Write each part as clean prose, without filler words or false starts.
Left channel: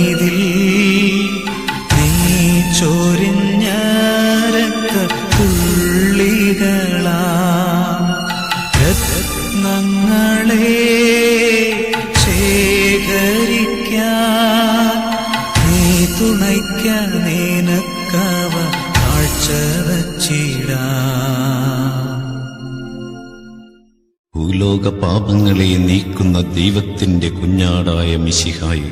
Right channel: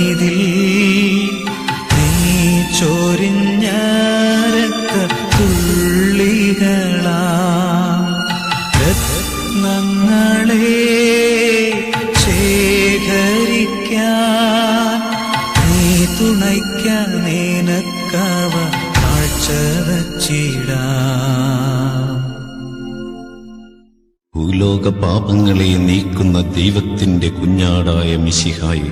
മീതിൽ നീ ചോരിഞ്ഞ രക്തത്തുള്ളികളാ രത്നങ്ങളെ ശേഖരിക്കാൻ നീ തുണയ്ക്കാനേനക്കവ കാഴ്ചവച്ചിടാം. ഭൂലോക പാപങ്ങളെ നീക്കുന്ന ദൈവത്തിന്റെ കുഞ്ഞാടായ മിശിഹായി,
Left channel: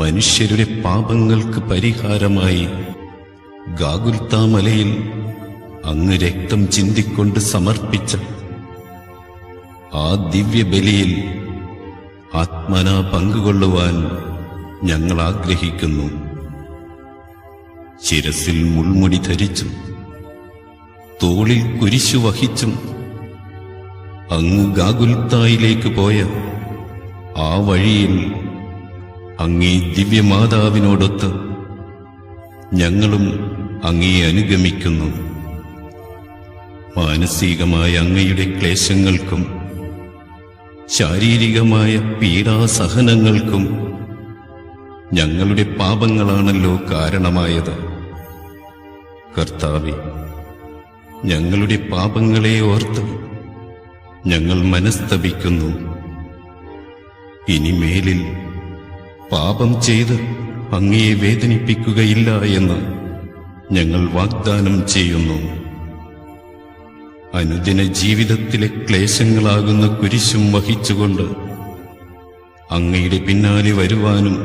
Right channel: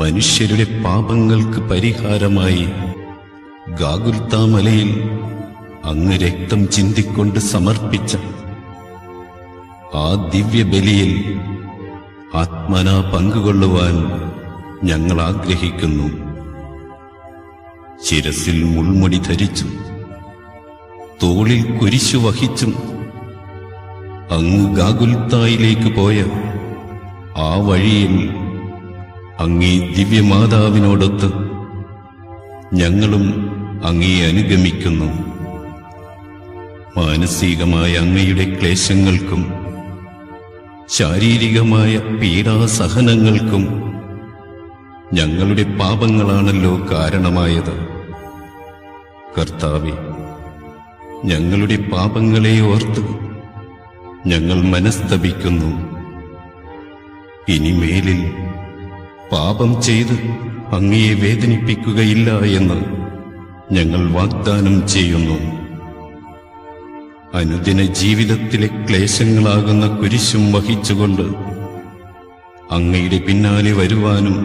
മനുഷ്യരുടെ പാപങ്ങൾക്ക് പരിഹാരമായി ഗാഗുൽത്താ മലയിൽ അങ്ങ് രക്തം ചിന്തിക്കൊണ്ട് സമർപ്പിച്ച ആ ദിവ്യബലിയിൽ ആത്മനാ പങ്കുകൊള്ളുവാൻ ഞങ്ങൾ ആഗ്രഹിക്കുന്നു. ശിരസിൽ മുൾമുടി ധരിച്ചും തോളിൽ കുരിശു വഹിച്ചും അങ്ങ് ഗാഗുൽത്തായിലേക്ക് പോയ ആ വഴിയിൽ അങ്ങേ ദിവ്യമാതാവിനോടൊത്ത് ഞങ്ങളും അങ്ങയെ അനുഗമിക്കുന്നു. മാനസികമായ അങ്ങയുടെ ക്ലേശങ്ങൾക്കും ശാരീരികമായ പീഡാസഹനങ്ങൾക്കും ഞങ്ങളുടെ പാപങ്ങളാണല്ലോ കാരണമായത്. കർത്താവേ, ഞങ്ങളുടെ പാപങ്ങളെ ഓർത്ത് ഞങ്ങൾ മനസ്തപിക്കുന്നു. ഇനിമേലിൽ പാപം ചെയ്ത് അങ്ങയെ വേദനിപ്പിക്കുകയില്ല എന്ന് ഞങ്ങൾ വാഗ്ദാനം ചെയ്യുന്നു. അനുദിന ജീവിതത്തിലെ ക്ലേശങ്ങളാകുന്ന കുരിശും വഹിച്ചുകൊണ്ട് അങ്ങയുടെ പിന്നാലെ വരുവാനും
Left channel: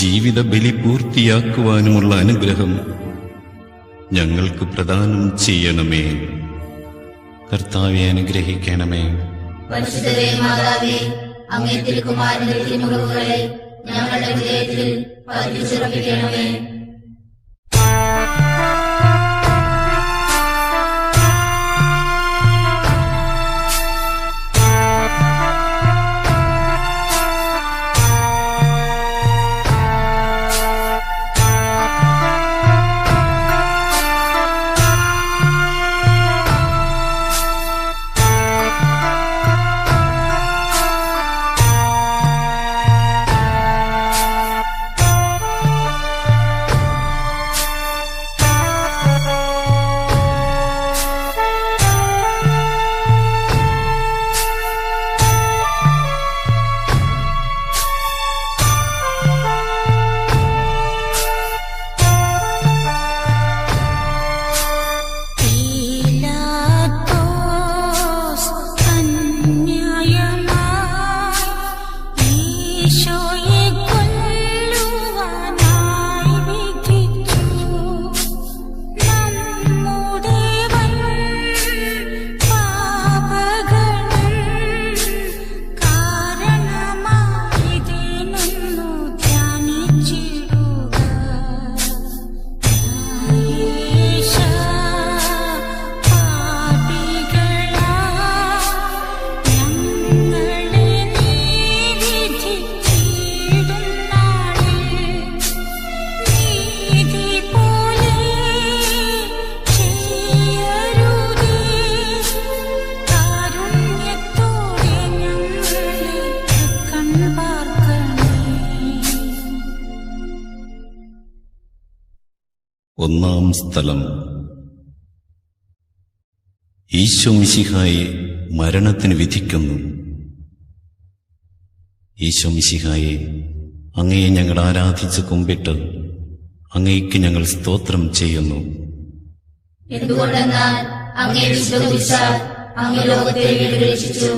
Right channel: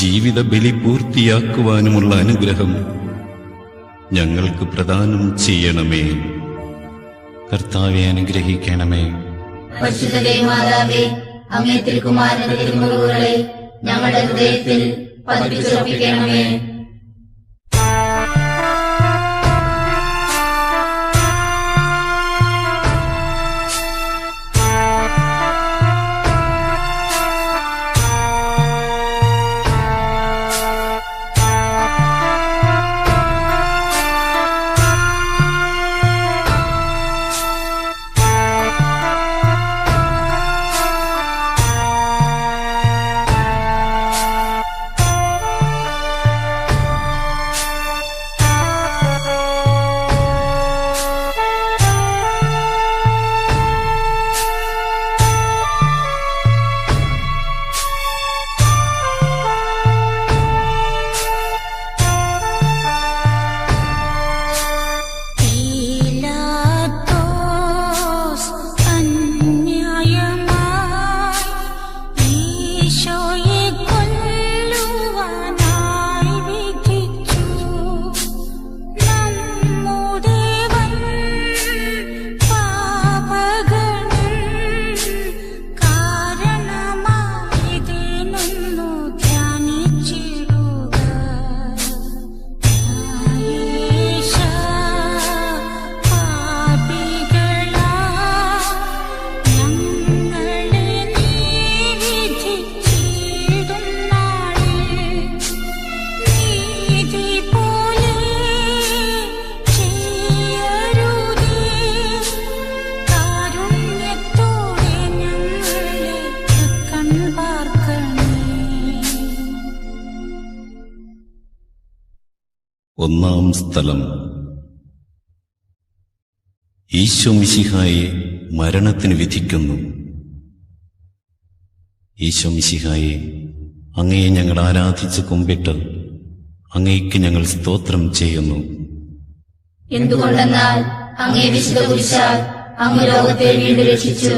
ജീവിത ബലി പൂർത്തിയാക്കുവാനുമുള്ള അനുഗ്രഹം ഞങ്ങൾക്ക് പ്രദാനം ചെയ്യണമേ. കർത്താവെ, അനുഗ്രഹിക്കണമേ. അങ്ങേ തിരുക്കുമാരന്റെ തിരുമുറിവുകളെ ഞങ്ങളുടെ ഹൃദയത്തിൽ പതിപ്പിച്ചുറപ്പിക്കണമേ. ഒന്നാം സ്ഥലം. ഈശോ മിശിഹായെ മരണത്തിന് വിധിക്കുന്നു. ഈശോ മിശിഹായെ, അങ്ങയെ ഞങ്ങൾ ആരാധിച്ച് കുമ്പിട്ട് അങ്ങയ്ക്ക് ഞങ്ങൾ സ്തോത്രം ചെയ്യുന്നു. എന്തുകൊണ്ടെന്നാൽ അങ്ങയെ വിശ്വസിച്ചാൽ അങ്ങ് ലോകത്തെ വീണ്ടും രക്ഷിച്ചു.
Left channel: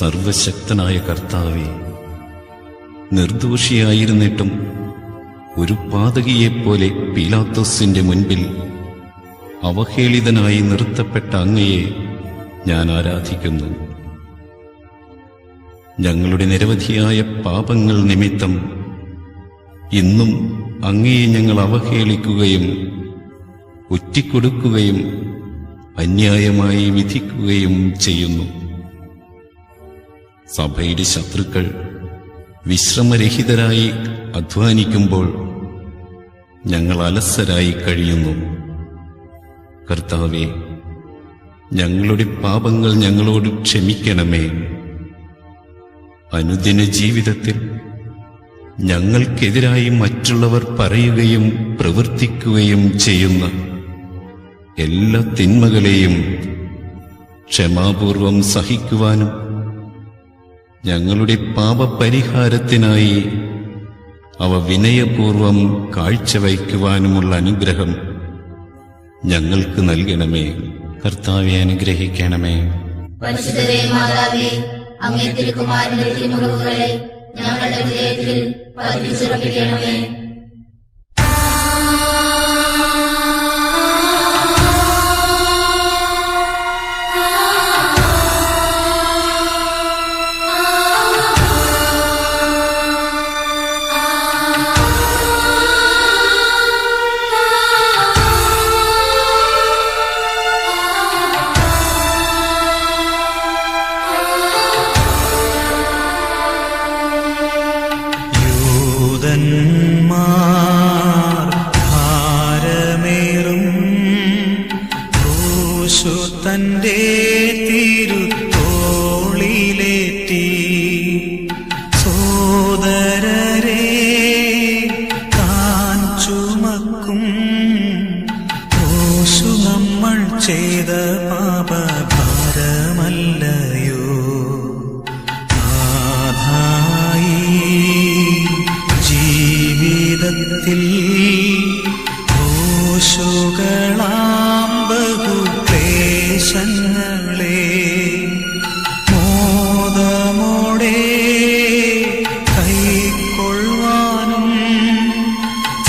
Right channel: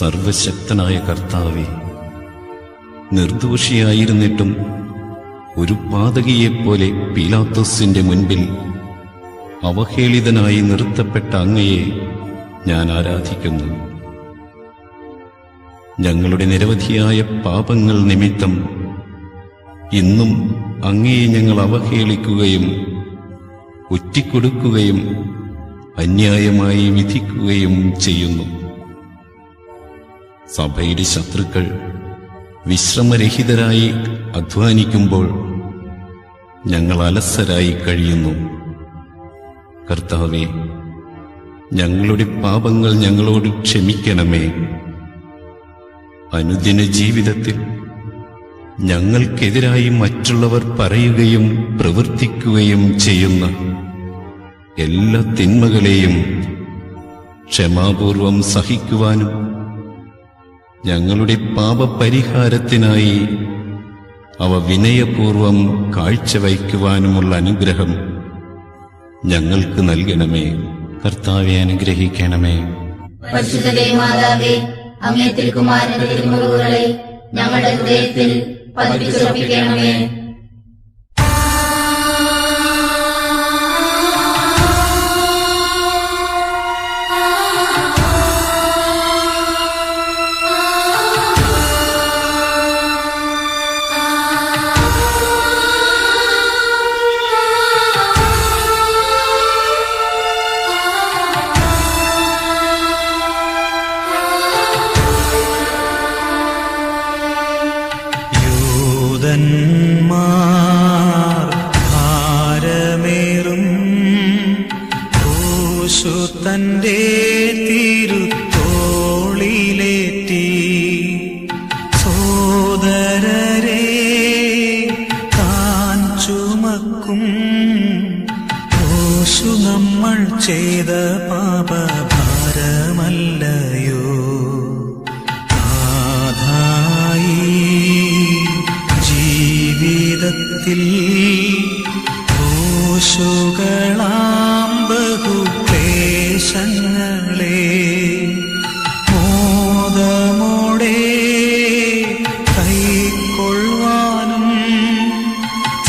സർവശക്തനായ കർത്താവേ, നിർദോഷിയായിരുന്നിട്ടും ഒരു പാതകിയെപ്പോലെ പീലാത്തോസിന്റെ മുൻപിൽ അവഹേളിതനായി നിർത്തപ്പെട്ട അങ്ങയെ ഞാൻ ആരാധിക്കുന്നു. ഞങ്ങളുടെ നിരവധിയായ പാപങ്ങൾ നിമിത്തം ഇന്നും അങ്ങയെ ഞങ്ങൾ അവഹേളിക്കുകയും ഒറ്റിക്കൊടുക്കുകയും അന്യായമായി വിധിക്കുകയും ചെയ്യുന്നു. സഭയുടെ ശത്രുക്കൾ വിശ്രമരഹിതരായി അധ്വാനിക്കുമ്പോൾ ഞങ്ങൾ അലസരായി കഴിയുന്നു. കർത്താവേ, ഞങ്ങളുടെ പാപങ്ങൾ ഞങ്ങളോട് ക്ഷമിക്കണമേ. അനുദിന ജീവിതത്തിൽ ഞങ്ങൾക്കെതിരായി മറ്റുള്ളവർ പറയുകയും പ്രവർത്തിക്കുകയും ചെയ്യുന്ന എല്ലാ തിന്മകളെയും ക്ഷമാപൂർവം സഹിക്കുവാനും ഞങ്ങളുടെ പാപപരിഹാരത്തിനായി അവ വിനയപൂർവം കാഴ്ചവയ്ക്കുവാനുമുള്ള അനുഗ്രഹം ഞങ്ങൾക്ക് നൽകണമേ. കർത്താവെ അനുഗ്രഹിക്കണമേ. പരിശുദ്ധ മാതാവേ, അങ്ങേ തിരുക്കുമാരന്റെ തിരുമുറിവുകളെ ഞങ്ങളുടെ ഹൃദയത്തിൽ പതിപ്പിച്ചുറപ്പിക്കണമേ. ൂതന്മാർ ഭാരമേറും ക്രൂശു തന്റെ തിരുത്തോളിലേറ്റി സോദരരെ താൻ ചുമക്കും ക്രൂശു നമ്മൾ ചെയ്ത പാപഭാരമല്ലയോ ജീവിതത്തിൽ ക്രൂശുകളാം ബഹുക്ലേശങ്ങളെ മോദമോടെ കൈക്കൊള്ളുവാനും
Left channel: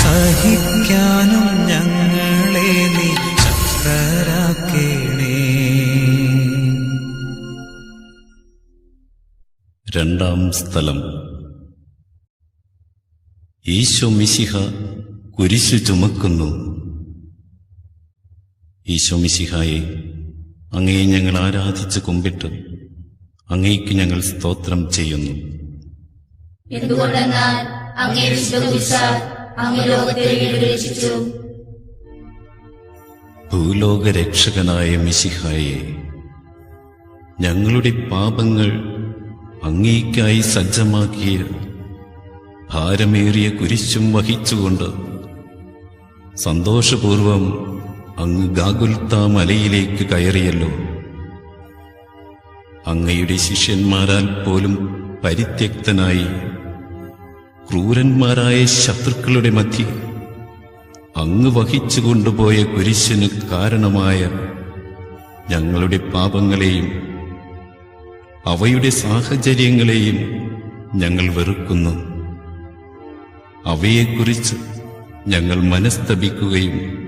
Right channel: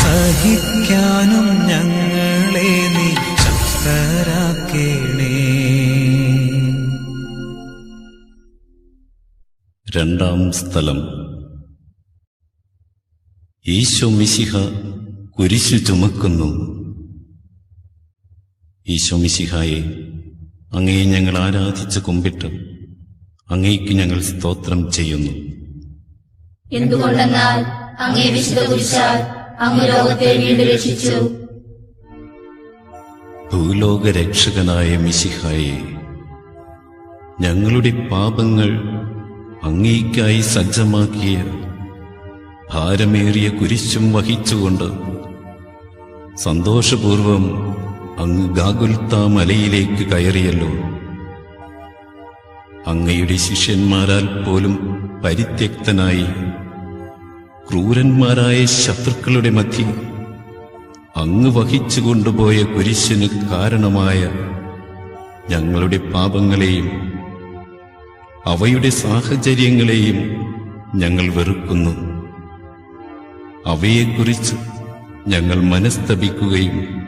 സഹിക്കാനും ഞങ്ങളെ നീ ശക്തരാക്കേണേ. രണ്ടാം സ്ഥലം. ഈശോ മിശിഹ കുരിശു ചുമക്കുന്നു. ഈശോ മിശിഹായെ, അങ്ങയെ ഞങ്ങൾ ആരാധിച്ച് കുമ്പിട്ട് അങ്ങേക്ക് ഞങ്ങൾ സ്തോത്രം ചെയ്യുന്നു. എന്തുകൊണ്ടെന്നാൽ അങ്ങേ വിശ്വസിച്ചാൽ അങ്ങ് ലോകത്തെ വീണ്ടും രക്ഷിച്ചു. ഭൂലോക രക്ഷകനായ മിശിഹായെ, ഞങ്ങളുടെ പാപങ്ങൾ അങ്ങേയ്ക്കായി സജ്ജമാക്കിയ ഭാരമേറിയ കുരിശും വഹിച്ചുകൊണ്ട് സന്തോഷപൂർവം അങ്ങ് ഗാഗുൽത്താ മലയിലേക്ക് കയറിയല്ലോ. അങ്ങയുടെ ശിഷ്യന്മാരാൽ പോലും പരിത്യക്തനായി ക്രൂരന്മാരായ ശത്രുക്കളുടെ മധ്യ അങ്ങ് വഹിച്ചു കൊണ്ടുപോയ കുരിശിന് കാരണമായ ഞങ്ങളുടെ പാപങ്ങളെയും അവയുടെ സാഹചര്യങ്ങളെയും ഞങ്ങൾ വെറുക്കുന്നു. അവയെക്കുറിച്ച് ഞങ്ങൾ മനസ്തപിക്കുകയും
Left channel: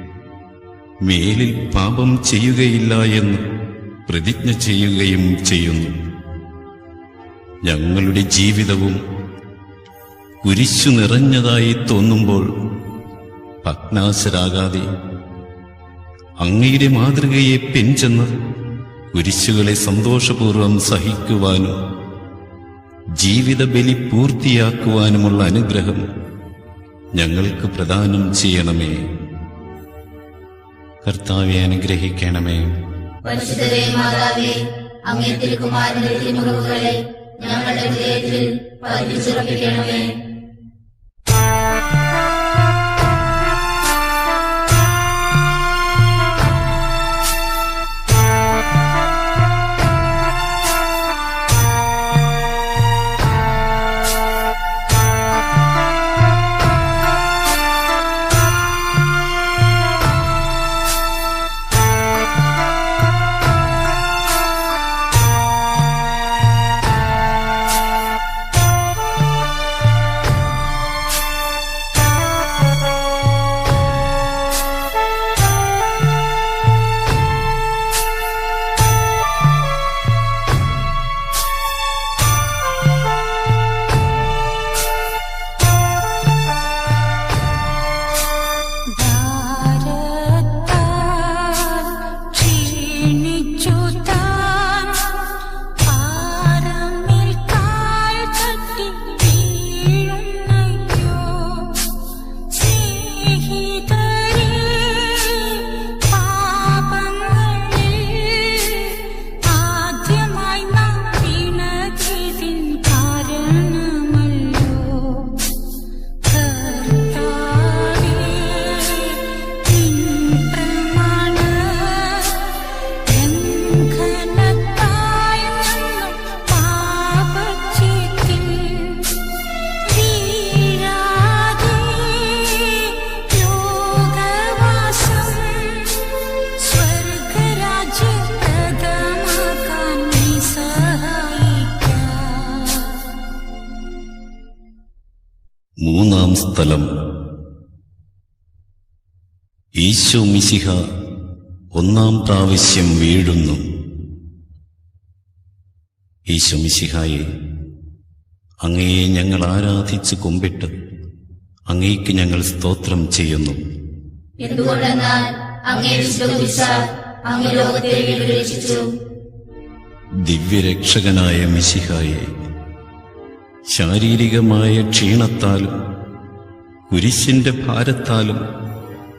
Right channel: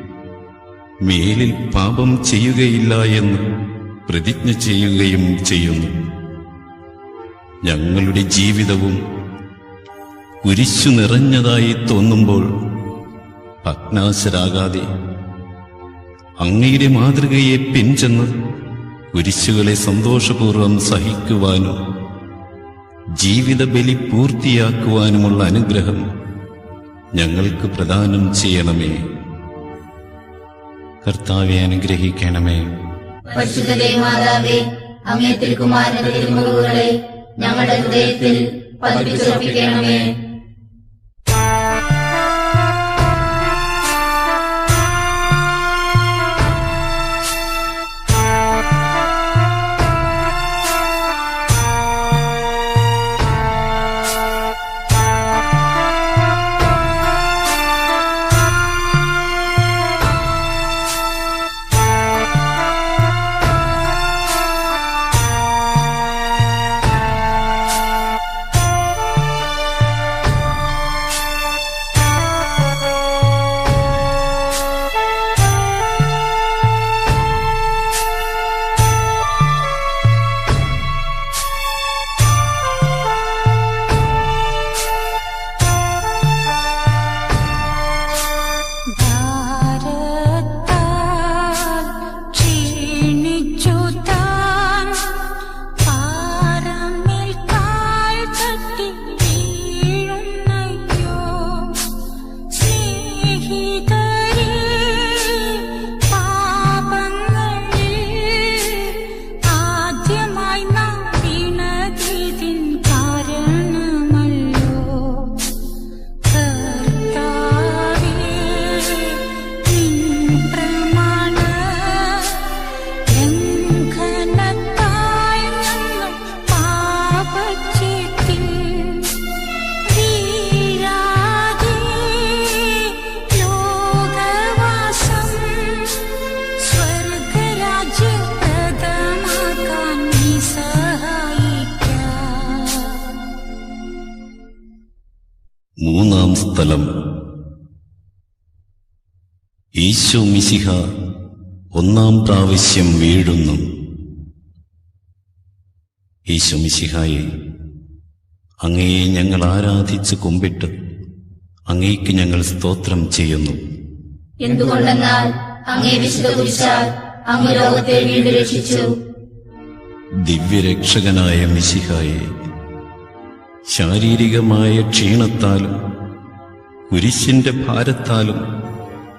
മേലിൽ പാപം ചെയ്യുകയില്ല എന്ന് പ്രതിജ്ഞ ചെയ്യുകയും ചെയ്യുന്നു. ഞങ്ങളുടെ ജീവിതവും കുരിശു നിറഞ്ഞതായി തോന്നുമ്പോൾ ഭഗ്നാശരാകാതെ അങ്ങയുടെ മാതൃകയെ പിൻചെന്ന് കുരിശുകളെ സന്തോഷപൂർവം സഹിക്കുവാനും ജീവിത ബലി പൂർത്തിയാക്കുവാനുമുള്ള അനുഗ്രഹം ഞങ്ങൾക്ക് പ്രദാനം ചെയ്യണമേ. കർത്താവെ അനുഗ്രഹിക്കണമേ. പരിശുദ്ധ മാതാവേ, അങ്ങേ തിരുക്കുമാരന്റെ തിരുമുറിവുകളെ ഞങ്ങളുടെ ഹൃദയത്തിൽ പതിപ്പിച്ചുറപ്പിക്കണമേ. മൂന്നാം സ്ഥലം. ഈശോ മിശിഹ ഒന്നാം പ്രാവശ്യം വീഴുന്നു. ഈശോ മിശിഹായെ, അങ്ങയെ ഞങ്ങൾ ആരാധിച്ച് കുമ്പിട്ട് അങ്ങേക്ക് ഞങ്ങൾ സ്തോത്രം ചെയ്യുന്നു. എന്തുകൊണ്ടെന്നാൽ അങ്ങേ വിശ്വസിച്ചാൽ അങ്ങ് ലോകത്തെ വീണ്ടും രക്ഷിച്ചു. ദിവ്യരക്ഷകനായ മിശിഹായെ, ശാരീരികമായ ക്ഷീണത്താലും കുരിശിന്റെ ഭാരത്താലും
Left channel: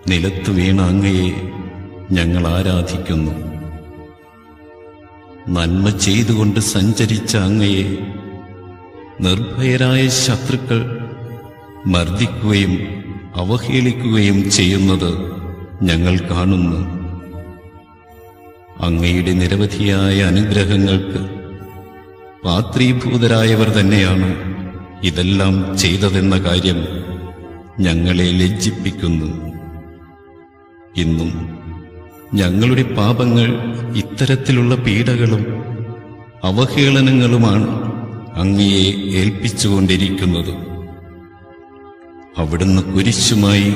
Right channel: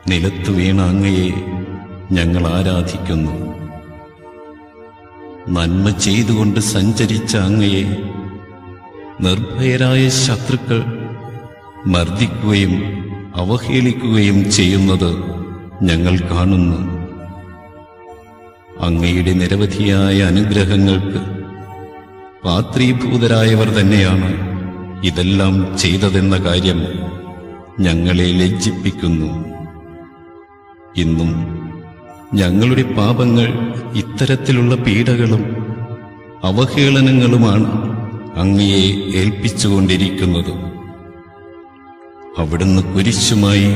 നിലത്തു വീണ അങ്ങയെ ഞങ്ങൾ ആരാധിക്കുന്നു. നന്മ ചെയ്തുകൊണ്ട് സഞ്ചരിച്ച അങ്ങയെ നിർഭയരായ ശത്രുക്കൾ മർദ്ദിക്കുകയും അവഹേളിക്കുകയും ചെയ്യുന്നത് ഞങ്ങൾ കാണുന്നു. അങ്ങയുടെ നിരവധിയായ അനുഗ്രഹങ്ങൾക്ക് പാത്രീഭൂതരായവർ തന്നെയാണ് ഇതെല്ലാം ചെയ്തതെന്ന കാര്യം ഞങ്ങളെ ലജ്ജിപ്പിക്കുന്നു. ഇന്നും ഞങ്ങളുടെ പാപങ്ങൾ ഇത്തരത്തിലുള്ള പീഡകളും അവഹേളനങ്ങളുമാണ് അങ്ങയെ ഏൽപ്പിച്ചുകൊണ്ടിരിക്കുന്നത്. അവിടുന്ന് കുരിശുമായി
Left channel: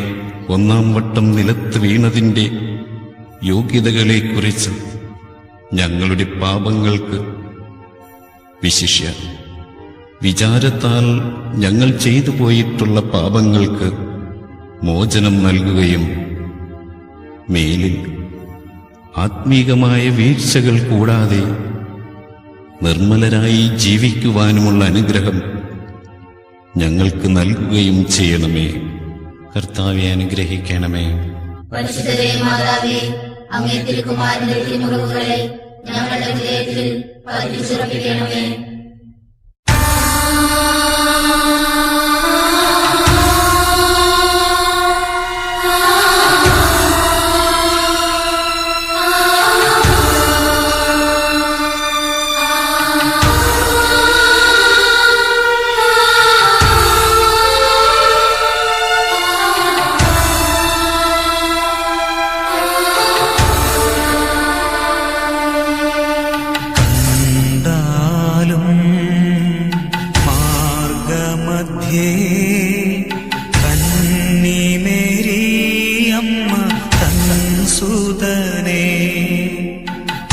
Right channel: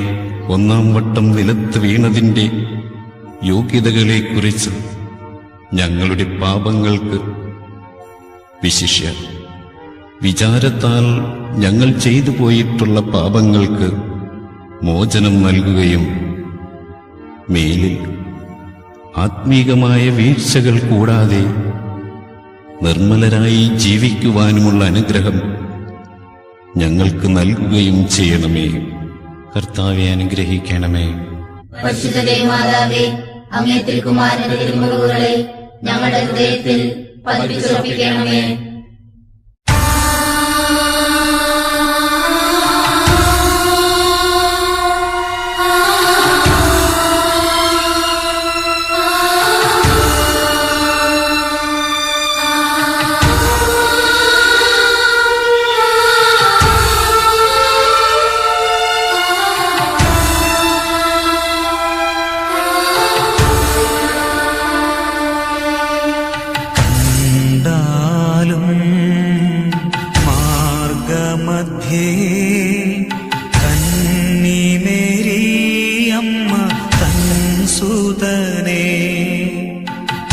ഒന്നാം വട്ടം നിലത്ത് വീണതിന്റെ യോഗ്യതകളെക്കുറിച്ച് ഞങ്ങളുടെ പാപങ്ങൾക്ക്, വിശിഷ്യ വിചാരത്താൽ ഞങ്ങൾ ചെയ്തു പോയിട്ടുള്ള പാപങ്ങൾക്ക് മോചനം നൽകുകയും മേലിൽ ആത്മീകമായ വീഴ്ചകൾ കൂടാതെ നിർമ്മലരായി ജീവിക്കുവാനുമുള്ള അനുഗ്രഹം ഞങ്ങൾക്ക് നൽകുകയും ചെയ്യണമേ. കർത്താവെ അനുഗ്രഹിക്കണമേ. പരിശുദ്ധ മാതാവേ, അങ്ങേ തിരുക്കുമാരന്റെ തിരുമുറിവുകളെ ഞങ്ങളുടെ ഹൃദയത്തിൽ പതിപ്പിച്ചുറപ്പിക്കണമേ. കണ്ടാലും മാർഗമധ്യേ കന്നിമേരിയമ്മ തൻസുതനെ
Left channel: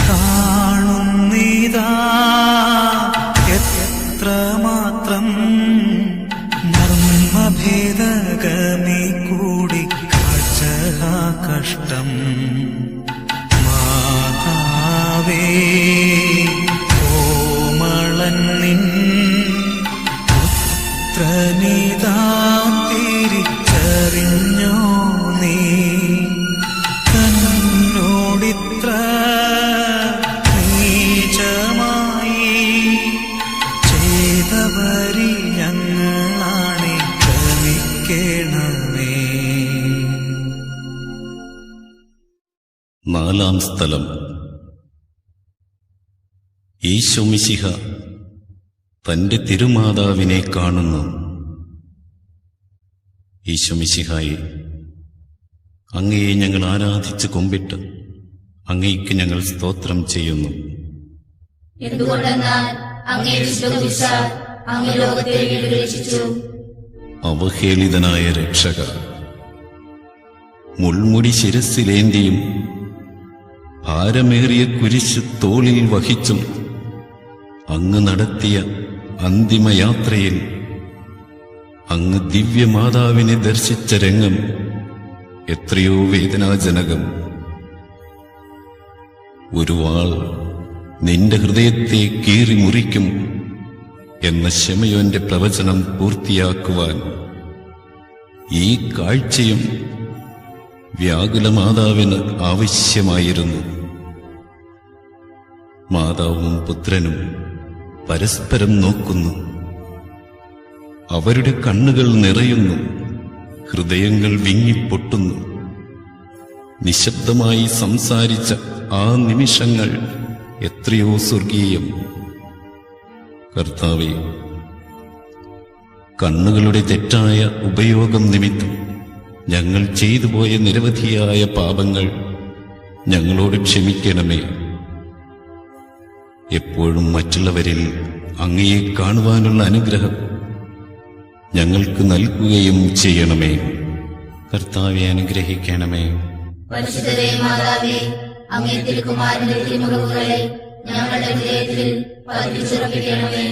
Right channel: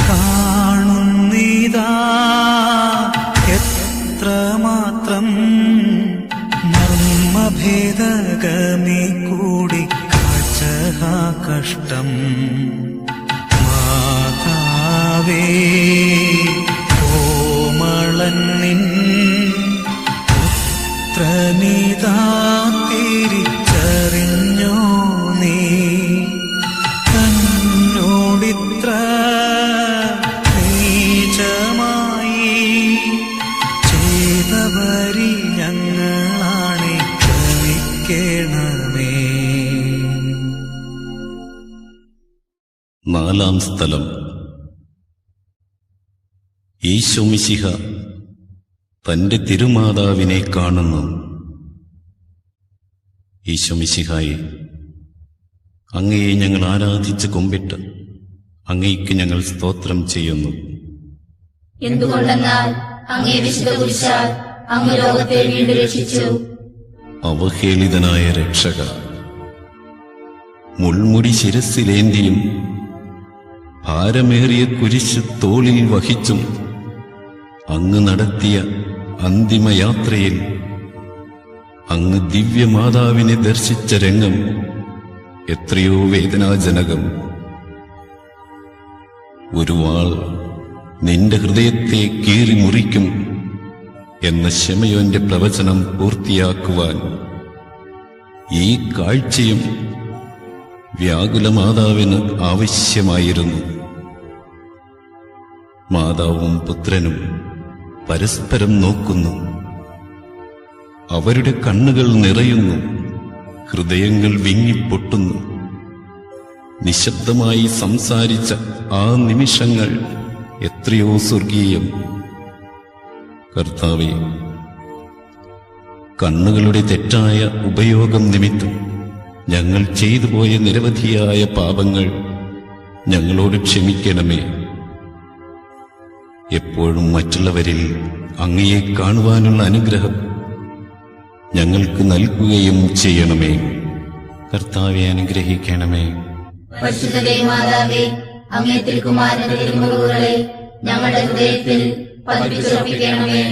കാണുന്നിതാ എത്രമാത്രം മർമ്മഭേദഗമി കൂടി കാഴ്ച കഷ്ടം. മാതാവേ, കോമളനിൻ പുത്രനിതാ തിരിച്ചറിഞ്ഞോ നീ? തന്നോടിത്ര നീചമായി ചെയ്തവരി ഞങ്ങളാണ്, ക്ഷമിക്കണമേ. നാലാം സ്ഥലം. ഈശോ മിശിഹ തന്റെ തിരുമാതാവിനെ കാണുന്നു. ഈശോ മിശിഹായെ, അങ്ങയെ ഞങ്ങൾ ആരാധിച്ച് കുമ്പിട്ട് അങ്ങയ്ക്ക് ഞങ്ങൾ സ്തോത്രം ചെയ്യുന്നു. എന്തുകൊണ്ടെന്നാൽ അങ്ങേ വിശ്വസിച്ചാൽ അങ്ങ് ലോകത്തെ വീണ്ടും രക്ഷിച്ചു. അവഹേളിതനായ രക്ഷക, മുൾമുടി ശിരസ്സിലേന്തിയും ഭാരമേറിയ കുരിശ് തോളിൽ വഹിച്ചും അങ്ങ് നടത്തിയ അന്തിമയാത്രയിൽ അങ്ങ് ദിവ്യമാതാവിനെ ദർശിച്ച രംഗം എത്രയോ വേദനാജനകം. ഒരു വാൾ നിന്റെ ഹൃദയത്തെ കീറി മുറിക്കും എന്ന ശമയോന്റെ പ്രവചനം പൂർത്തിയാക്കുവാൻ ഈ കാഴ്ചയും വ്യാകുലമാതാവിന് ആവശ്യമായിരുന്നു. മാതാവും പുത്രനും പരസ്പരം നോക്കുന്നു. അവരുടെ കണ്ണുകൾ നിറയുന്നു, ഹൃദയങ്ങൾ വിങ്ങിപ്പൊട്ടുന്നു. നിശബ്ദമായി സംസാരിച്ച ആ നിമിഷങ്ങൾ എത്രയോ സ്വർഗീയം. കർത്താവേ, കണ്ണുകളുടെ തെറ്റായ ഉപയോഗം നിമിത്തം ഞങ്ങൾ ചെയ്തുപോയ നിരവധിയായ പാപങ്ങൾ ഞങ്ങളോട് ക്ഷമിക്കണമേ. എപ്പോഴും മറ്റുള്ളവരിൽ അങ്ങയെ കാണുവാനുള്ള അനുഗ്രഹം ഞങ്ങൾക്ക് നൽകുകയും ചെയ്യണമേ. കർത്താവെ അനുഗ്രഹിക്കണമേ. പരിശുദ്ധരെ മാതാവേ, അങ്ങേ തിരുക്കുമാരന്റെ തിരുമുറിവുകളെ ഞങ്ങളുടെ ഹൃദയത്തിൽ പതിപ്പിച്ചുറപ്പിക്കണമേ.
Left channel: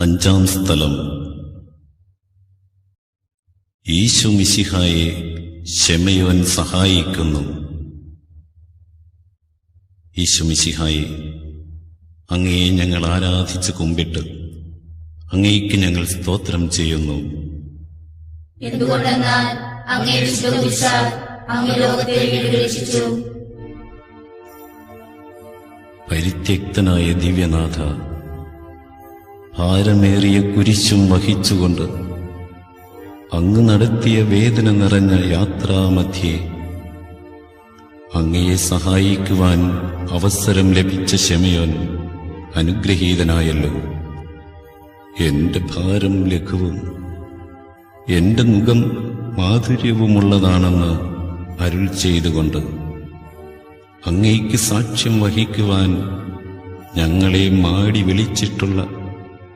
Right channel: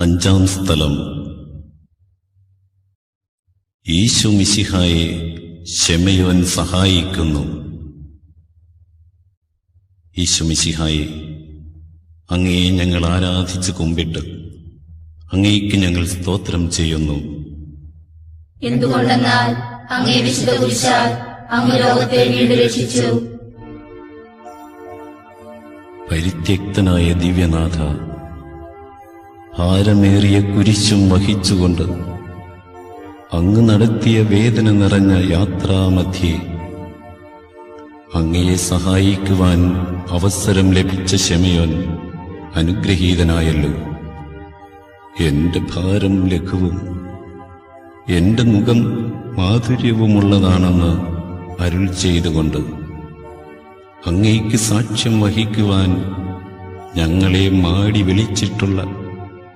അഞ്ചാം സ്ഥലം. ഈശോ മിശിഹായെ ശെമയോൻ സഹായിക്കുന്നു. ഈശോ മിശിഹായെ, അങ്ങയെ ഞങ്ങൾ ആരാധിച്ച് കുമ്പിട്ട് അങ്ങേക്ക് ഞങ്ങൾ സ്തോത്രം ചെയ്യുന്നു. എന്തുകൊണ്ടെന്നാൽ അങ്ങേ വിശ്വസിച്ചാൽ അങ്ങ് ലോകത്തെ വീണ്ടും രക്ഷിച്ചു. പരിത്യക്തനായ ദിവ്യനാഥ, ഭാരമേറിയ കുരിശും വഹിച്ചുകൊണ്ട് അങ്ങ് നടത്തിയ വേദന നിറഞ്ഞ യാത്രാമധ്യേ അങ്ങയെ സഹായിക്കുവാൻ അവസരം ലഭിച്ച ശെമയോൻ അനുഗ്രഹീതനായല്ലോ. എന്റെ ഭാരം ലഘുവും എന്റെ മുഖം മാധുര്യവുമുള്ളതാണെന്ന് അരുൾ ചെയ്തുകൊണ്ട് അങ്ങേക്ക് സാക്ഷ്യം വഹിക്കുവാൻ ഞങ്ങളെ മാടി വിളിച്ചിട്ടുള്ള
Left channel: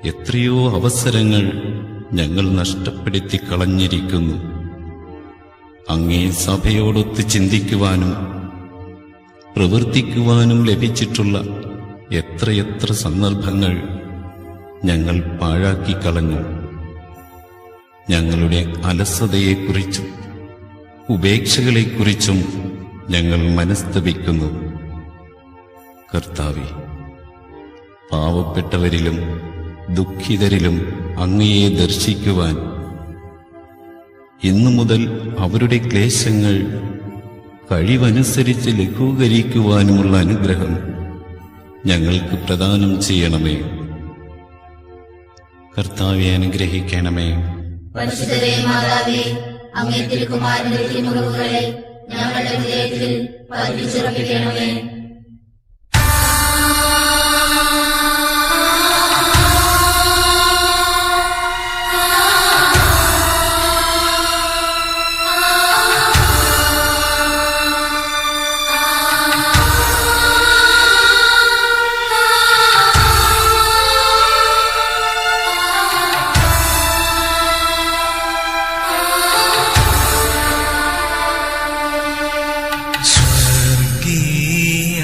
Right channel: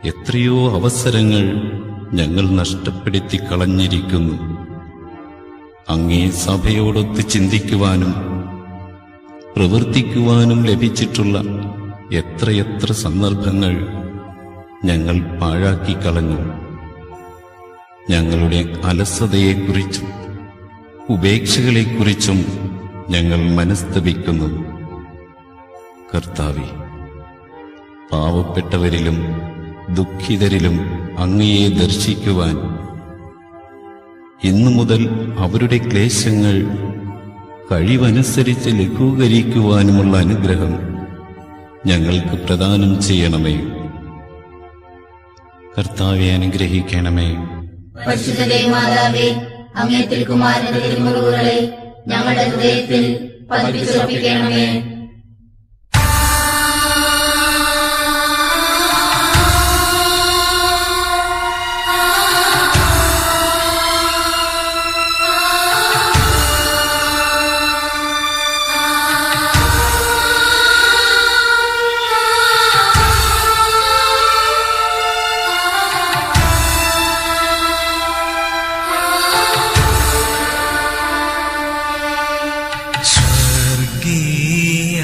എത്രയോ അവസരങ്ങൾ ഞങ്ങൾ നഷ്ടപ്പെടുത്തി കളഞ്ഞിരിക്കുന്നു. അങ്ങേ സഭയോടൊത്ത് ചിന്തിക്കുവാനും പ്രവർത്തിക്കുവാനും ലഭിച്ചിട്ടുള്ള എത്രയെത്ര സന്ദർഭങ്ങൾ ഞങ്ങൾ പാഴാക്കിക്കളഞ്ഞു. ഞങ്ങളുടെ അലസതയെക്കുറിച്ചും ഉപേക്ഷകളെക്കുറിച്ചും ഞങ്ങൾ മനസ്തപിക്കുന്നു. കർത്താവേ, പാവപ്പെട്ടവരിലും ദുഃഖിതരിലും അങ്ങയെ ദർശിക്കുവാൻ ഇന്നു മുതൽ അവരുടെ ക്ലേശങ്ങൾ കഴിവനുസരിച്ച് ലഘൂകരിക്കുവാനുമുള്ള അനുഗ്രഹം ഞങ്ങൾക്ക് പ്രദാനം ചെയ്യണമേ. കർത്താവെ അനുഗ്രഹിക്കണമേ. പരിശുദ്ധരെ മാതാവേ, അങ്ങേ തിരുക്കുമാരന്റെ തിരുമുറിവുകളെ ഞങ്ങളുടെ ഹൃദയത്തിൽ പതിപ്പിച്ചുറപ്പിക്കണമേ. സ്വർഗീയ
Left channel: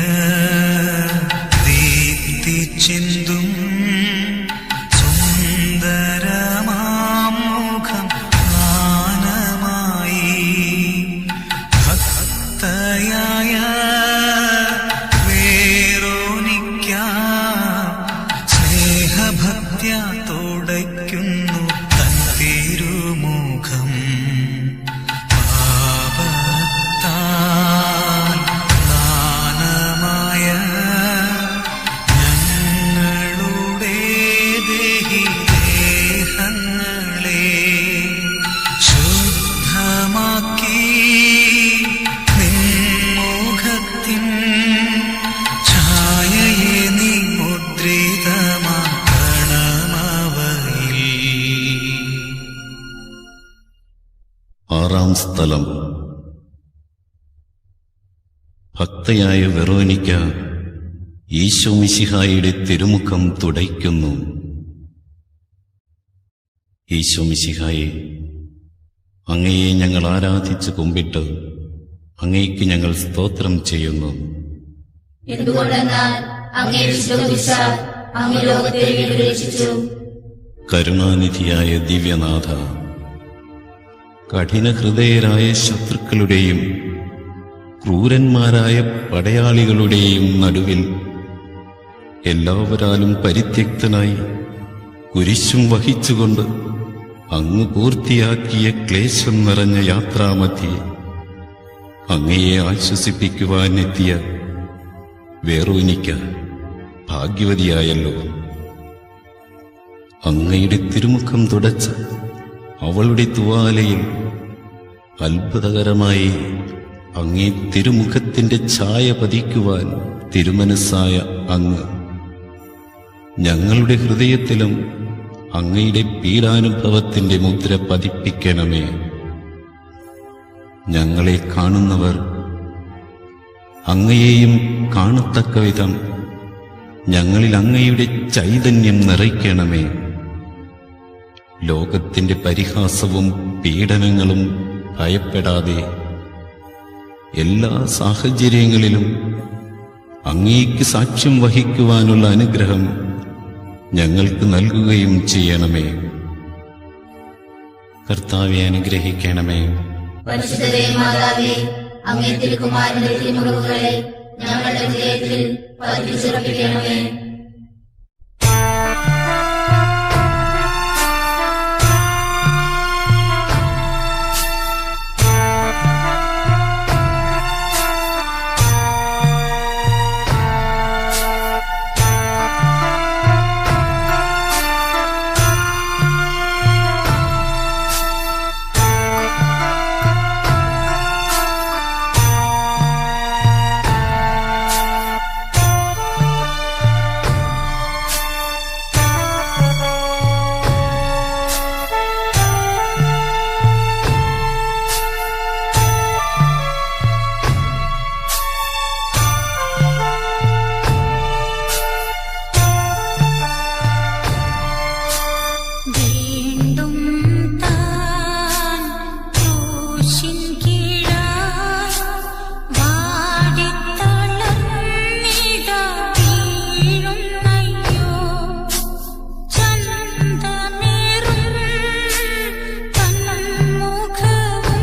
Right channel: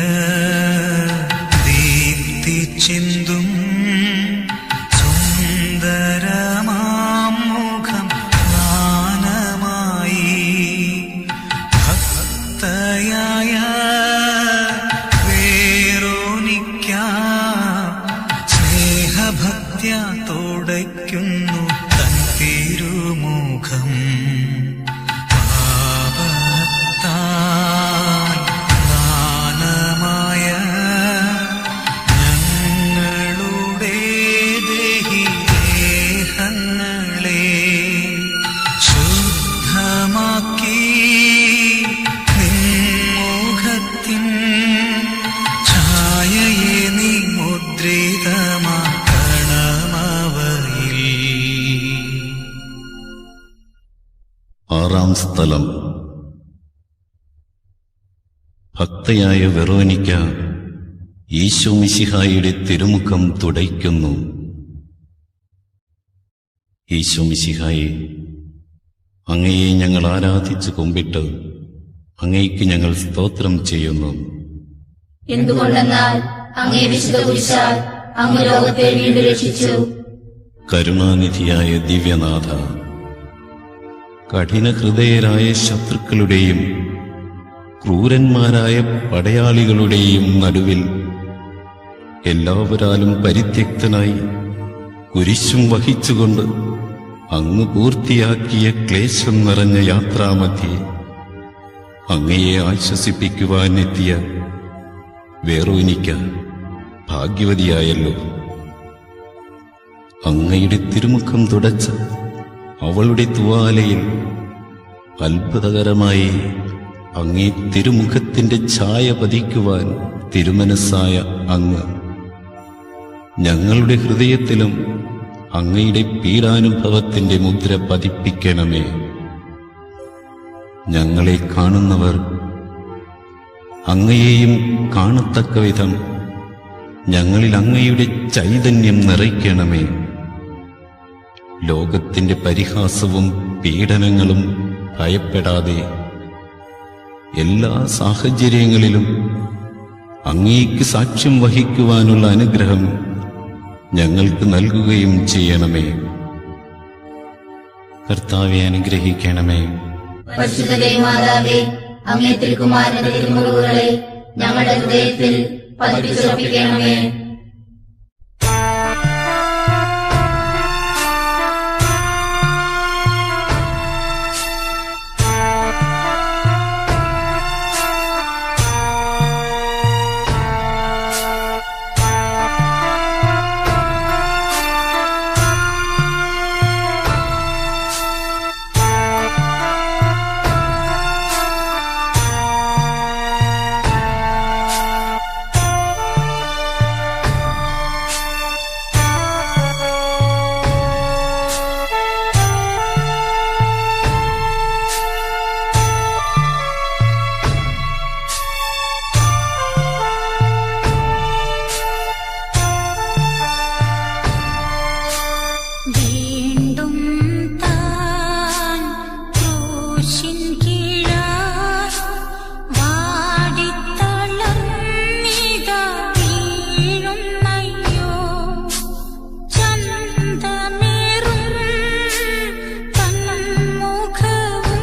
6-ാം സ്ഥലം. ഭക്തയായ വെറോനിക്ക ഈശോ മിശിഹായുടെ തിരുമുഖം തുടയ്ക്കുന്നു. ഈശോ മിശിഹായെ, അങ്ങയെ ഞങ്ങൾ ആരാധിച്ചു കുമ്പിട്ട് അങ്ങയ്ക്ക് ഞങ്ങൾ സ്തോത്രം ചെയ്യുന്നു. എന്തുകൊണ്ടെന്നാൽ അങ്ങയെ വിശ്വസിച്ചാൽ അങ്ങ് ലോകത്തെ വീണ്ടും രക്ഷിച്ചു. കരുണാനിധിയായ ദിവ്യനാഥ, കഠിനഹൃദയരായ ശത്രുക്കളുടെയും ക്രൂരന്മാരായ പടയാളികളുടെയും നടുവിൽ എല്ലാവരാലും പരിത്യക്തനായി കുരിശും വഹിച്ചുകൊണ്ട് അങ്ങ് പൂർത്തിയാക്കിയ ക്ലേശം നിറഞ്ഞ യാത്രാമധ്യേ അങ്ങയെ ആശ്വസിപ്പിക്കുവാനെത്തിയ വെറോനിക്ക ഭാഗ്യവതിയായല്ലോ. അങ്ങയുടെ തിരുമുഖം തുടച്ച അവളുടെ തുവാലയിൽ അത്ഭുതകരമായി അങ്ങേ തിരുമുഖത്തിന്റെ ഛായ പതിക്കുവാൻ തിരുമനസ്സായ അങ്ങ് ഞങ്ങളുടെ ഹൃദയത്തിലും അങ്ങയുടെ പീഡാനുഭവത്തിന്റെ മുദ്ര പതിപ്പിക്കണമേ. ഞങ്ങളെ കാണുന്നവർ അങ്ങയെയും കാണത്തക്ക വിധം ഞങ്ങളിൽ അങ്ങയുടെ ചൈതന്യം നിറയ്ക്കണമേ. ലോകത്തിന്റെ പരിഹാസവും പീഡനങ്ങളും ഭയപ്പെടാതെ എല്ലാ സാഹചര്യങ്ങളിലും അങ്ങേക്ക് സാക്ഷ്യം വഹിക്കുവാനുള്ള അനുഗ്രഹം ഞങ്ങൾക്ക് നൽകുകയും ചെയ്യണമേ. കർത്താവെ അനുഗ്രഹിക്കണമേ. പരിശുദ്ധ മാതാവേ, അങ്ങേ തിരുക്കുമാരന്റെ തിരുമുറിവുകളെ ഞങ്ങളുടെ ഹൃദയത്തിൽ പതിപ്പിച്ചുറപ്പിക്കണമേ. വീണ്ടും താൻ ക്രൂശിൻ കീഴായി വാടിത്തളർന്നിതാ വീഴുന്നയ്യോ. ചന്തമേറും തന്മുഖവും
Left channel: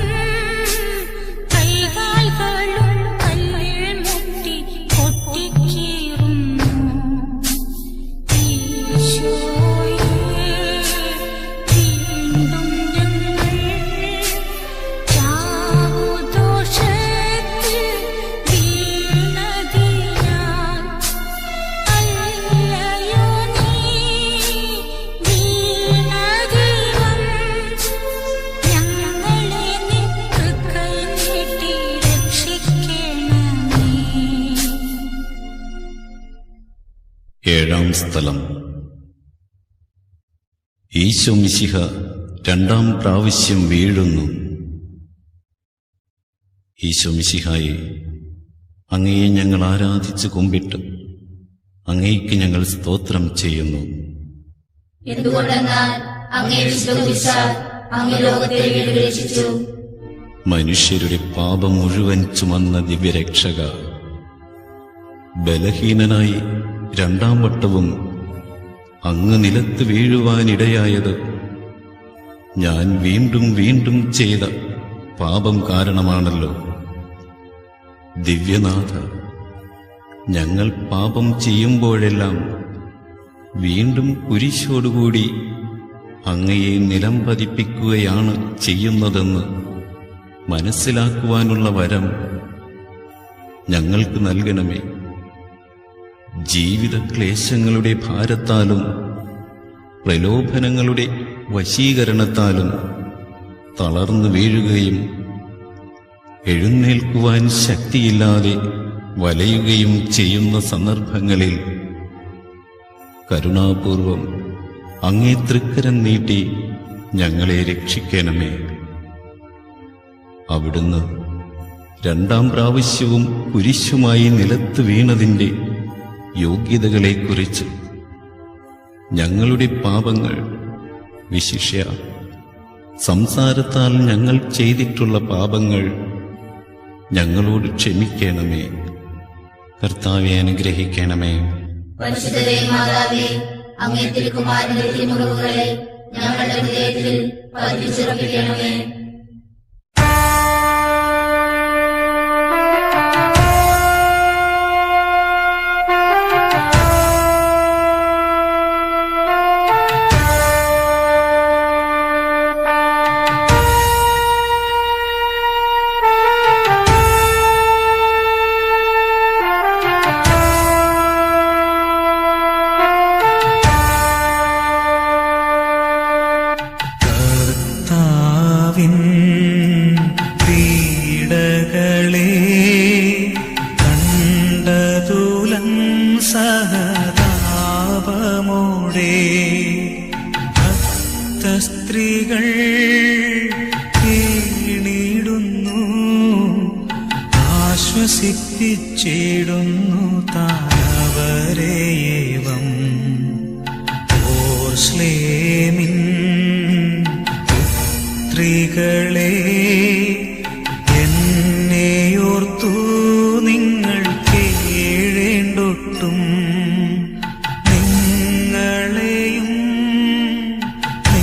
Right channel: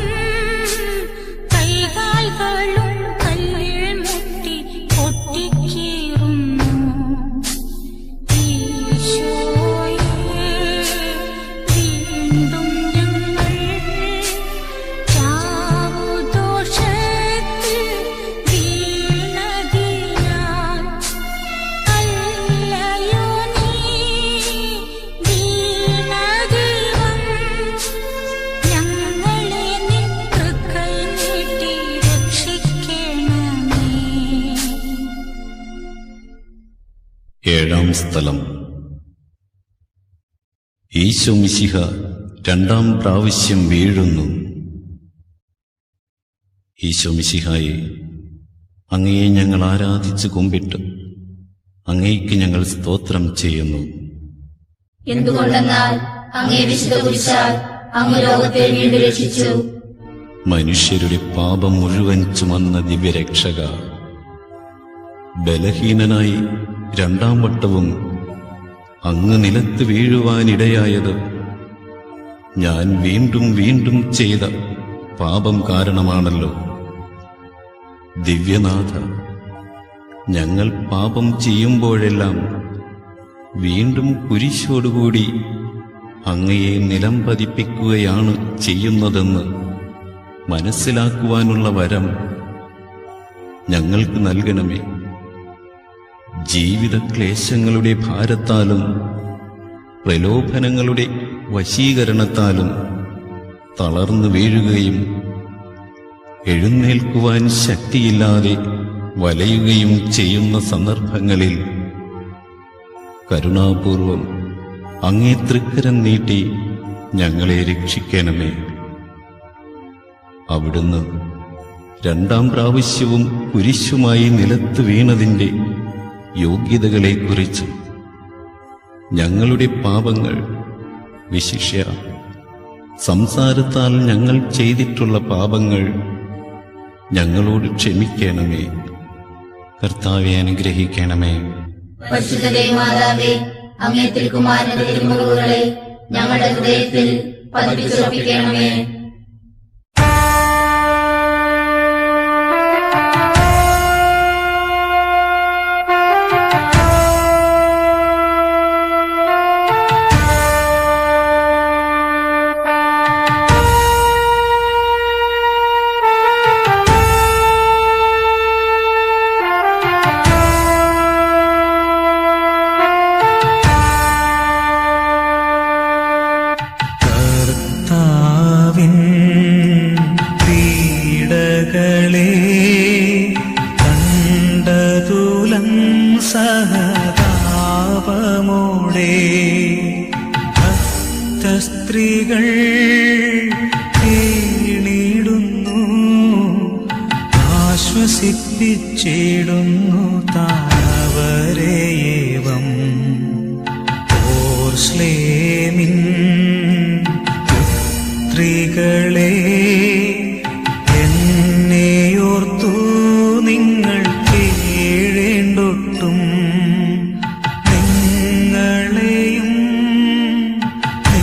കൈകാലുകളും കല്ലിൽ മുട്ടി പൊട്ടിക്കീറുന്നു. ഏഴാം സ്ഥലം. ഈശോ മിശിഹ 2-ാം പ്രാവശ്യം വീഴുന്നു. ഈശോ മിശിഹായെ, അങ്ങയെ ഞങ്ങൾ ആരാധിച്ചു കുമ്പിട്ട് അങ്ങയ്ക്ക് ഞങ്ങൾ സ്തോത്രം ചെയ്യുന്നു. എന്തുകൊണ്ടെന്നാൽ അങ്ങയെ വിശ്വസിച്ചാൽ അങ്ങ് ലോകത്തെ വീണ്ടും രക്ഷിച്ചു. മനുഷ്യരുടെ പാപം മുഴുവൻ ചുമന്ന ദിവ്യരക്ഷക, ബലഹീനനായി 2-ാം വട്ടവും അങ്ങ് നിലത്ത് വീഴുവാനിടയായത് ഞാൻ വീണ്ടും വീണ്ടും ചെയ്ത പാപം കാരണമാണല്ലോ. ദിവ്യനാഥ, ഞങ്ങൾ പാപം ചെയ്യുമ്പോഴെല്ലാം വീണ്ടും കുരിശോടുകൂടി അങ്ങയെ നിലം പതിപ്പിക്കുകയാണ് ചെയ്യുന്നതെന്ന് മനസ്സിലാക്കുവാനുള്ള വരം ഞങ്ങൾക്ക് നൽകണമേ. ജീവിത ക്ലേശങ്ങളുടെ ഭാരത്താലും പ്രലോഭനങ്ങളുടെ വശീകരണത്താലും തളർന്നു വീഴുകയും എഴുന്നേൽക്കുവാൻ ശക്തിയില്ലാതെ വലയുകയും ചെയ്യുന്ന സന്ദർഭങ്ങളിൽ കരുണാപൂർവം അങ്ങേ തൃക്കരം നീട്ടി ഞങ്ങളെ രക്ഷിക്കണമേ. അവിടുന്ന് രണ്ടാം പ്രാവശ്യവും കുരിശുമായി നിലത്ത് വീണതിന്റെ യോഗ്യതകളെക്കുറിച്ച് ഞങ്ങളുടെ പാപങ്ങൾ, വിശിഷ്യ സംസാരത്താൽ ഞങ്ങൾ ചെയ്തിട്ടുള്ള പാപങ്ങൾ ഞങ്ങളോട് ക്ഷമിക്കണമേ. കർത്താവെ അനുഗ്രഹിക്കണമേ. പരിശുദ്ധ മാതാവേ, അങ്ങേ തിരുക്കുമാരന്റെ തിരുമുറിവുകളെ ഞങ്ങളുടെ ഹൃദയത്തിൽ പതിപ്പിച്ചുറപ്പിക്കണമേ. കർത്താവിൻ പീഡകളെ കണ്ടതുലം സഹതാപമോടെ ഭക്തസ്ത്രീകൾ കേണിടുന്നു, ആശ്വസിപ്പിച്ചിടുന്നു താവരേവം. ഓർശ്ലേമിൻ പുത്രികളെ, എന്നെയോർത്തു നിങ്ങൾ കേഴേണ്ടൊട്ടും, നിങ്ങളെയും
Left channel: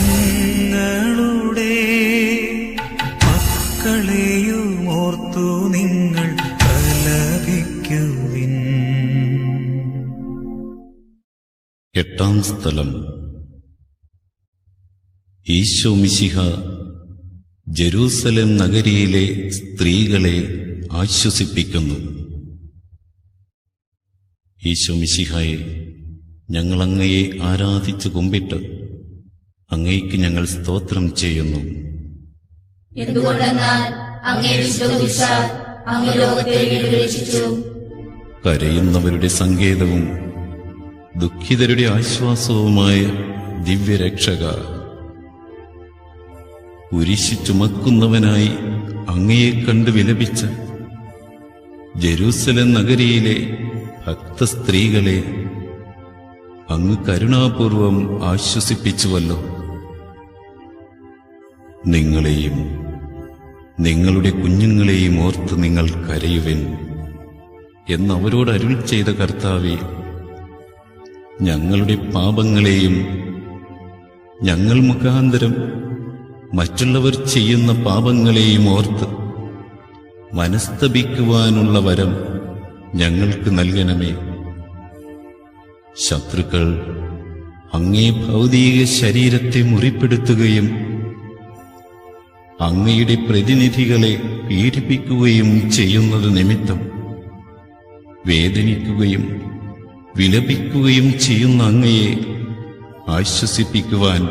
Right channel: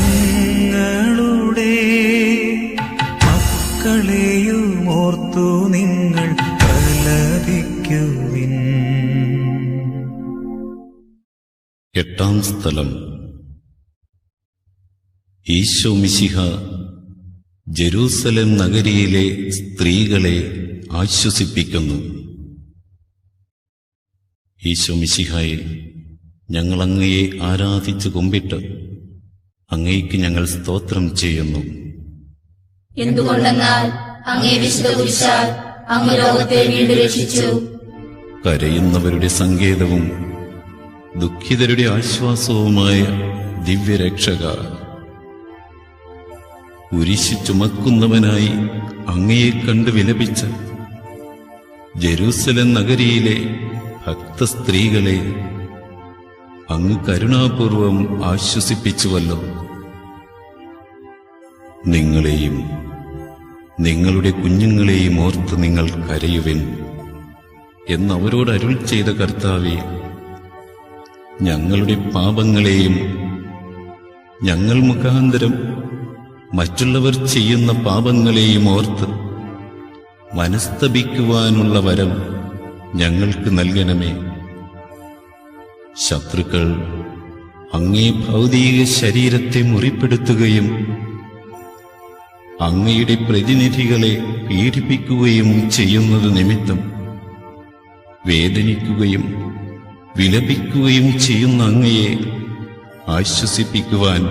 നിങ്ങളുടെ മക്കളെയും ഓർത്തു നിങ്ങൾ കലപിക്കുവിൻ. എട്ടാം സ്ഥലം. ഈശോ മിശിഹ ജെറൂസലേം നഗരിയിലെ സ്ത്രീകളെ ആശ്വസിപ്പിക്കുന്നു. ഈശോ മിശിഹായെ, ഞങ്ങൾ അങ്ങയെ ആരാധിച്ചു കുമ്പിട്ട് അങ്ങയ്ക്ക് ഞങ്ങൾ സ്തോത്രം ചെയ്യുന്നു. എന്തുകൊണ്ടെന്നാൽ അങ്ങേ വിശ്വസിച്ചാൽ അങ്ങ് ലോകത്തെ വീണ്ടെടുത്തു. കരയുന്നവരുടെ സങ്കേതവും ദുഃഖിതരുടെ ആശ്വാസവുമായ ദിവ്യരക്ഷക, കുരിശ് ചുമക്കുന്നവനായി അങ്ങയെ കണ്ട് വിലപിച്ച ജെറൂസലേം നഗരിയിലെ ഭക്തസ്ത്രീകളെ അങ്ങ് കരുണാപൂർവം ആശ്വസിപ്പിച്ചുവല്ലോ. നിങ്ങളെയും നിങ്ങളുടെ കുഞ്ഞുങ്ങളെയും ഓർത്ത് നിങ്ങൾ കരയുവിൻ എന്നവരോട് അരുളി ചെയ്ത കർത്താവേ, ഞങ്ങളുടെ പാപങ്ങളെയും ഞങ്ങൾ മുഖാന്തരം മറ്റുള്ളവർ ചെയ്യുന്ന പാപങ്ങളെയും ഓർത്ത് മനസ്തപിക്കുവാനുള്ള വരം ഞങ്ങൾക്ക് നൽകണമേ. ശത്രുക്കൾ അങ്ങേ ഭൗതിക ശരീരത്തെ മുറിപ്പെടുത്തുകയും അങ്ങയുടെ പ്രതിനിധികളെ പീഡിപ്പിക്കുകയും ചെയ്യുന്നത് നിമിത്തം വേദനിക്കുകയും വിലപിക്കുകയും ചെയ്യുന്ന അങ്ങയെ ആശ്വസിപ്പിക്കുവാൻ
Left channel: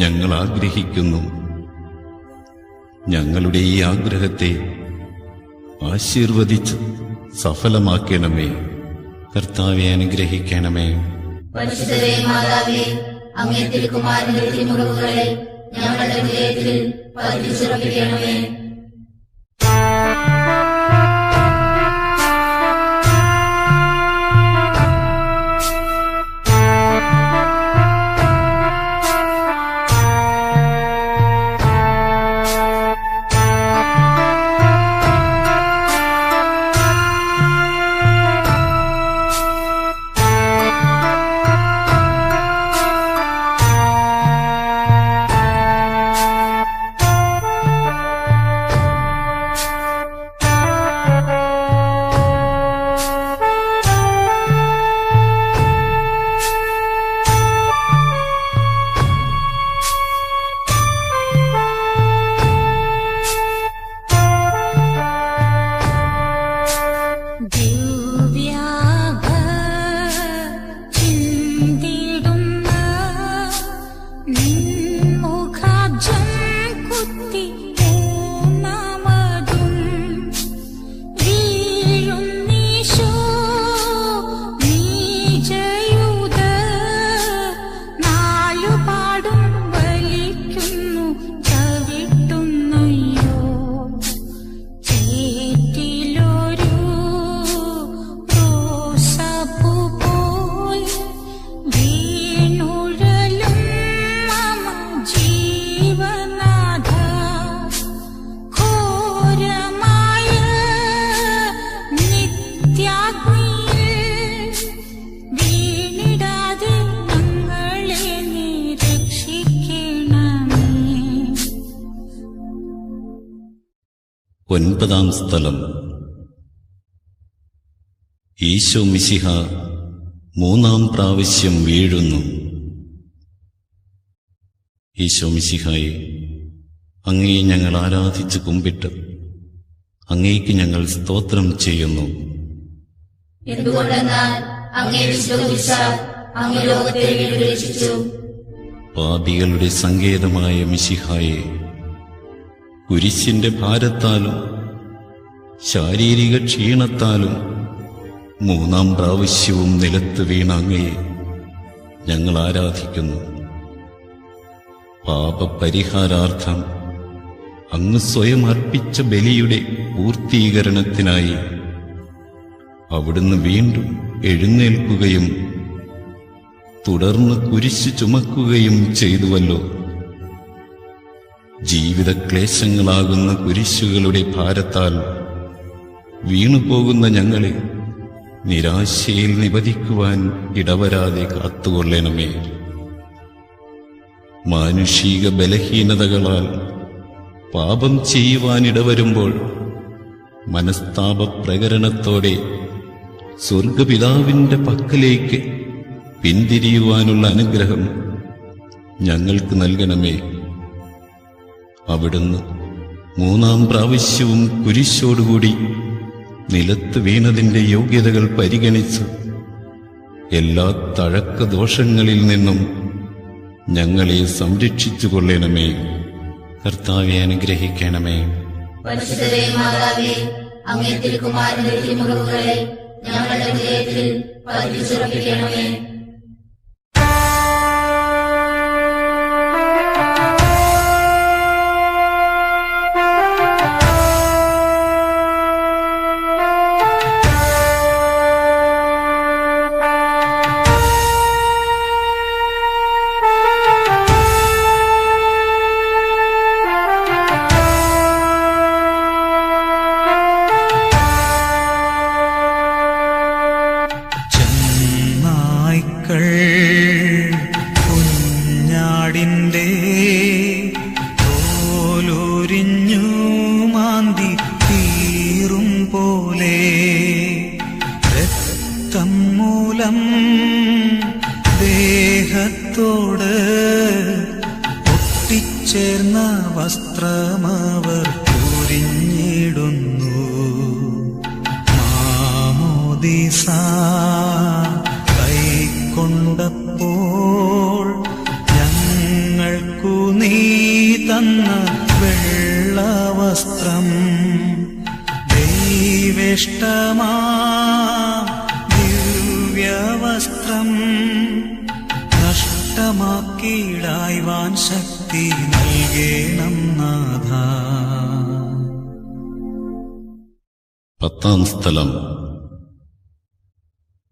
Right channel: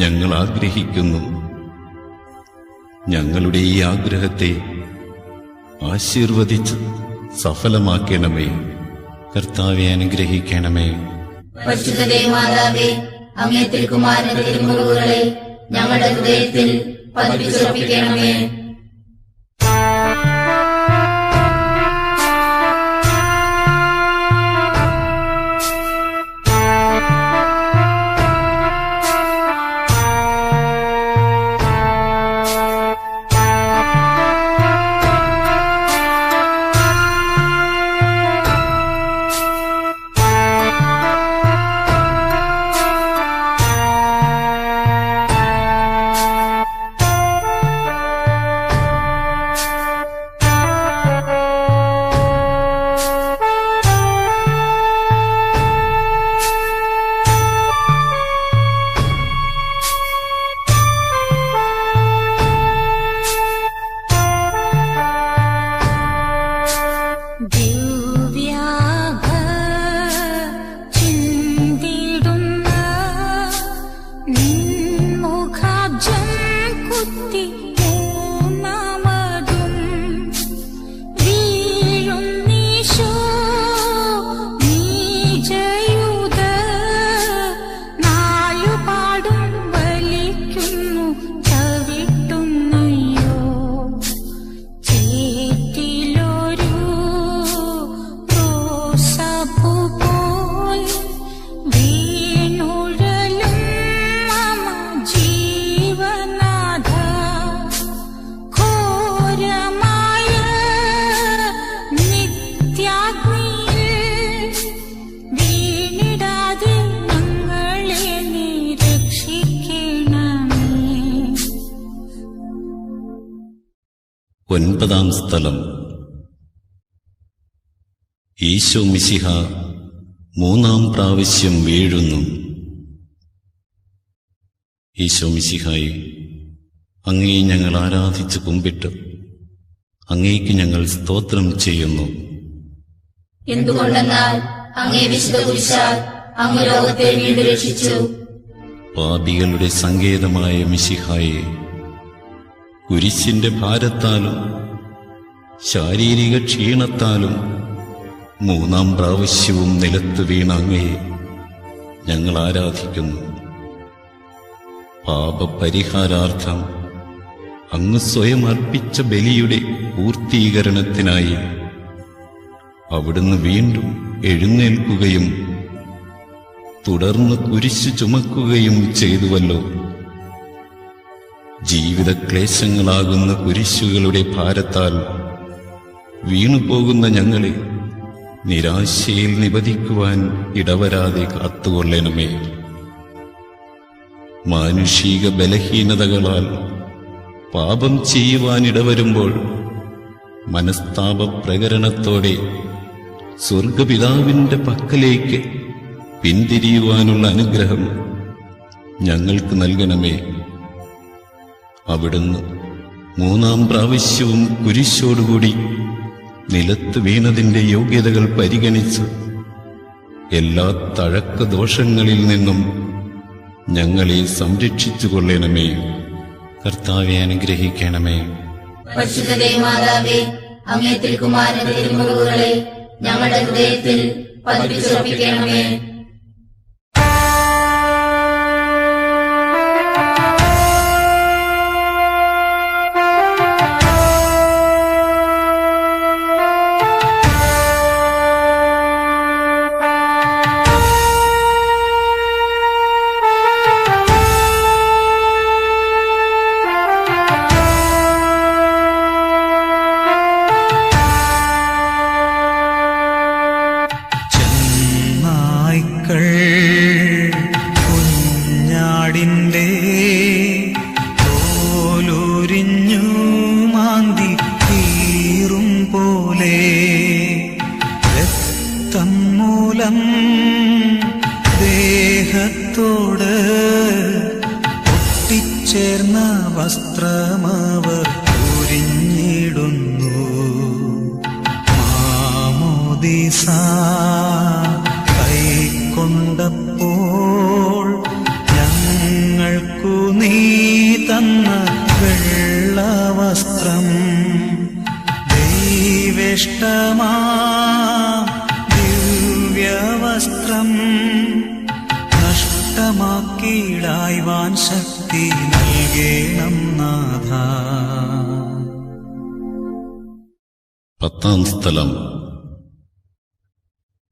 ഞങ്ങൾ ആഗ്രഹിക്കുന്നു. ഞങ്ങളുടെ ഈ ആഗ്രഹത്തെ ആശീർവദിച്ച് സഫലമാക്കണമേ. കർത്താവെ അനുഗ്രഹിക്കണമേ. പരിശുദ്ധ മാതാവേ, അങ്ങേ തിരുക്കുമാരന്റെ തിരുമുറിവുകളെ ഞങ്ങളുടെ ഹൃദയത്തിൽ പതിപ്പിച്ചുറപ്പിക്കണമേ. ചിന്തിടുന്ന നിൻമുഖാബ്ജം കുത്തി പൂർണ്ണമതും വീഴുന്നീശോ നീജയൂത നാലുപാടും വലിക്കുന്നു ചവിട്ടുന്നയ്യോ. 9-ാം സ്ഥലം. ഈശോ മിശിഹ 3-ാം പ്രാവശ്യം വീഴുന്നു. ഈശോ മിശിഹായെ, അങ്ങയെ ഞങ്ങൾ ആരാധിച്ച് കുമ്പിട്ട് അങ്ങേക്ക് ഞങ്ങൾ സ്തോത്രം ചെയ്യുന്നു. എന്തുകൊണ്ടെന്നാൽ അങ്ങേ വിശ്വസിച്ചാൽ അങ്ങ് ലോകത്തെ വീണ്ടുരക്ഷിച്ചു. പാപികളുടെ സങ്കേതമായ മിശിഹായെ, കുരിശിന്റെ ഭാരത്താലും ശാരീരിക ക്ഷീണത്താലും 3-ാം പ്രാവശ്യവും നിലത്ത് വീണ അങ്ങയെ ഞങ്ങൾ ആരാധിക്കുന്നു. പാപപരിഹാരാർത്ഥം അങ്ങ് സ്വയം അർപ്പിച്ച ബലിയുടെ പൂർത്തീകരണത്തിനായി അവിടുന്ന് വീണ്ടും എഴുന്നേൽക്കുകയും തുടർന്ന് കുരിശു ചുമക്കുകയും ചെയ്തുവല്ലോ. ജീവിതക്ലേശങ്ങളാകുന്ന കുരിശുകളുടെ ഭാരത്താൽ വീണുപോകുന്ന ഞങ്ങളെ നിരാശയിൽ നിപതിക്കുവാൻ ഇടവരാതെ കാത്തുകൊള്ളണമേ. മാനുഷിക ബലഹീനതകളാൽ പാപം ചെയ്യുവാനിടവരുമ്പോൾ മനസ്താപ പ്രകരണത്തോടെ സ്വർഗപിതാവിന്റെ പക്കലേക്ക് പിന്തിരിയുവാനുള്ള അനുഗ്രഹം ഞങ്ങൾക്ക് നൽകണമേ. അവിടുന്ന് 3-ാം പ്രാവശ്യവും കുരിശോടുകൂടി നിലത്ത് വീണതിന്റെ യോഗ്യതകൾ പരിഗണിച്ച് എല്ലാ തഴക്കദോഷങ്ങളിൽ നിന്നും ഞങ്ങളെ സംരക്ഷിച്ചു കൊള്ളണമേ. കർത്താവെ അനുഗ്രഹിക്കണമേ. പരിശുദ്ധ മാതാവേ, അങ്ങേ തിരുക്കുമാരന്റെ തിരുമുറിവുകളെ ഞങ്ങളുടെ ഹൃദയത്തിൽ പതിപ്പിച്ചുറപ്പിക്കണമേ. നായ്ക്കൾ കുഞ്ഞാടിന്റെ തോലുരിഞ്ഞു മാന്തി തീറും പോലെ രക്തം മൂലം ദേഹത്തോട് ഒട്ടിച്ചേർന്ന വസ്ത്രമവർ ഉരിഞ്ഞിടുന്നു. മാമോദീസ കൈക്കൊണ്ടപ്പോൾ ഞങ്ങൾക്കു നീ തന്ന വെള്ളവസ്ത്രം ദൈവേഷ്ടമാ ദിവ്യവസ്ത്രം നഷ്ടമാക്കിയിടായ്വാൻ ശക്തി നൽകണം നാഥ. 10-ാം സ്ഥലം.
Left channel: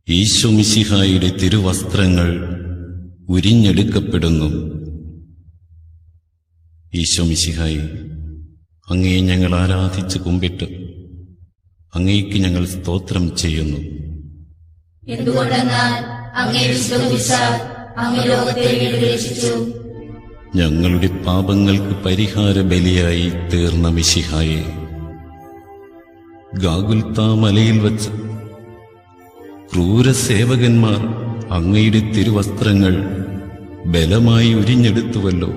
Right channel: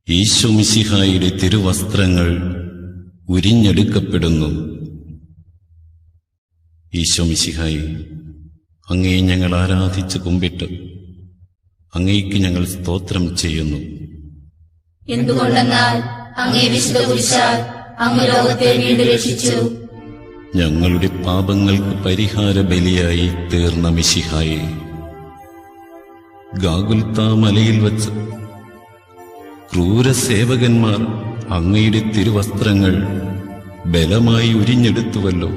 ഈശോ മിശിഹായുടെ തിരുവസ്ത്രങ്ങൾ ഉരിഞ്ഞെടുക്കപ്പെടുന്നു. ഈശോ മിശിഹായെ, അങ്ങയെ ഞങ്ങൾ ആരാധിച്ച് കുമ്പിട്ട് അങ്ങേക്ക് ഞങ്ങൾ സ്തോത്രം ചെയ്യുന്നു. എന്തുകൊണ്ടെന്നാൽ അങ്ങേ വിശ്വസിച്ചാൽ അങ്ങ് ലോകത്തെ വീണ്ടുരക്ഷിച്ചു. ഞങ്ങളുടെ പാപങ്ങൾക്ക് പരിഹാര ബലിയായി തീർന്ന മിശിഹായെ, ഗാഗുൽത്താ മലയിൽ വച്ച് ക്രൂരസേവകന്മാർ അങ്ങയുടെ തിരുവസ്ത്രങ്ങൾ ബലമായി ഉരിഞ്ഞെടുത്തുവല്ലോ.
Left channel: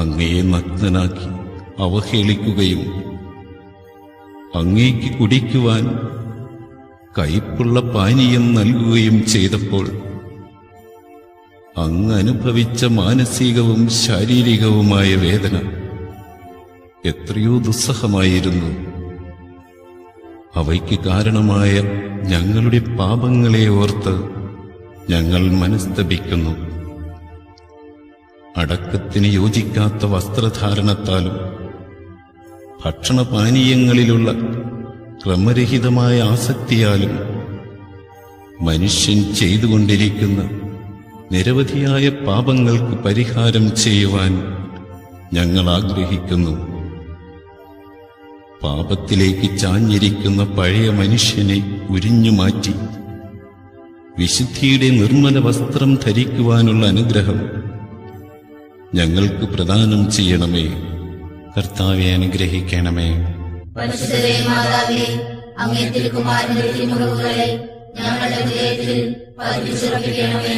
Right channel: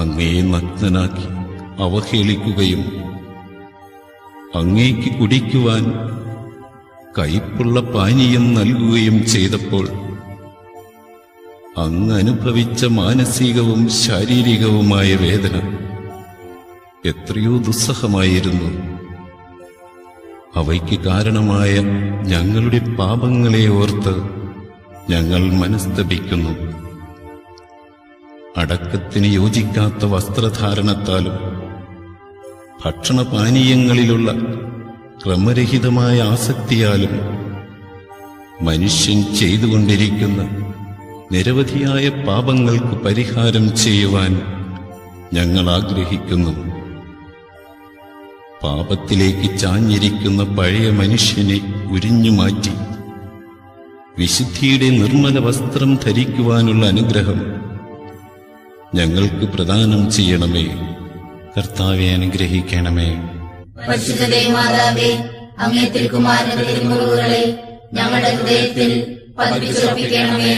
അങ്ങയെ നഗ്നനാക്കി അവഹേളിക്കുകയും അങ്ങേക്ക് കുടിക്കുവാൻ കയ്പുള്ള പാനീയം നൽകുകയും ചെയ്തപ്പോൾ അങ്ങ് അനുഭവിച്ച മാനസികവും ശാരീരികവുമായ വേദന എത്രയോ ദുസ്സഹമായിരുന്നു. അവയ്ക്ക് കാരണമായ ഞങ്ങളുടെ പാപങ്ങളെ ഓർത്ത് ഞങ്ങൾ മനസ്തപിക്കുന്നു. അടക്കത്തിന് യോജിക്കാത്ത വസ്ത്രധാരണത്താലും ഭക്ഷണപാനീയങ്ങളിലുള്ള ക്രമരഹിതമായ ആസക്തിയാലും മനുഷ്യൻ ചെയ്തുകൊണ്ടിരിക്കുന്ന നിരവധിയായ പാപങ്ങൾക്ക് പരിഹാരം ചെയ്യുവാൻ ഞങ്ങൾ ആഗ്രഹിക്കുന്നു. പാപത്തിലേക്ക് ചാഞ്ഞിരിക്കുന്ന പഴയ മനുഷ്യനെ ഉരിഞ്ഞുമാറ്റി വിശുദ്ധിയുടെ നിർമ്മല വസ്ത്രം ധരിക്കുവാനുള്ള അനുഗ്രഹം ഞങ്ങൾക്ക് പ്രദാനം ചെയ്യണമേ. കർത്താവെ അനുഗ്രഹിക്കണമേ. പരിശുദ്ധ മാതാവേ, അങ്ങേ തിരുക്കുമാരന്റെ തിരുമുറിവുകളെ ഞങ്ങളുടെ ഹൃദയത്തിൽ പതിപ്പിച്ചുറപ്പിക്കണമേ.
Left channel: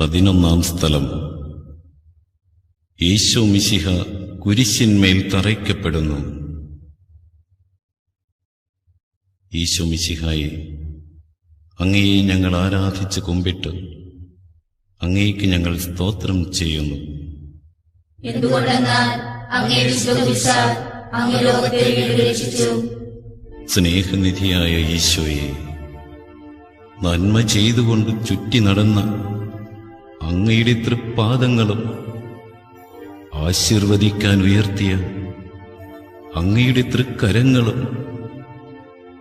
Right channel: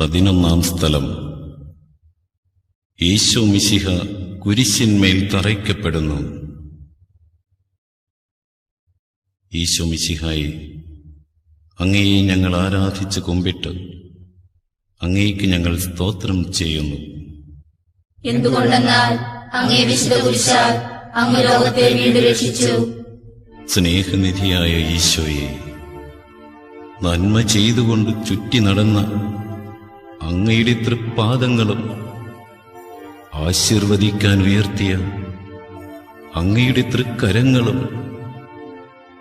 പതിനൊന്നാം സ്ഥലം. യേശു മിശിഹ കുരിശിന്മേൽ തറയ്ക്കപ്പെടുന്നു. യേശു മിശിഹായി, അങ്ങയെ ഞങ്ങൾ ആരാധിച്ച് കുമ്പിട്ട് അങ്ങേക്ക് ഞങ്ങൾ സ്തോത്രം ചെയ്യുന്നു. എന്തുകൊണ്ടെന്നാൽ അങ്ങേ വിശ്വസിച്ചാൽ അങ്ങ് ലോകത്തെ വീണ്ടും രക്ഷിച്ചു. സ്നേഹനിധിയായ ഈശോയെ, നന്മ ചെയ്തുകൊണ്ട് ചുറ്റി നടന്ന അങ്ങയുടെ തൃപ്പാദങ്ങളും ആശീർവദിക്കാൻ ഉയർത്തിയ അങ്ങയുടെ തൃക്കരങ്ങളും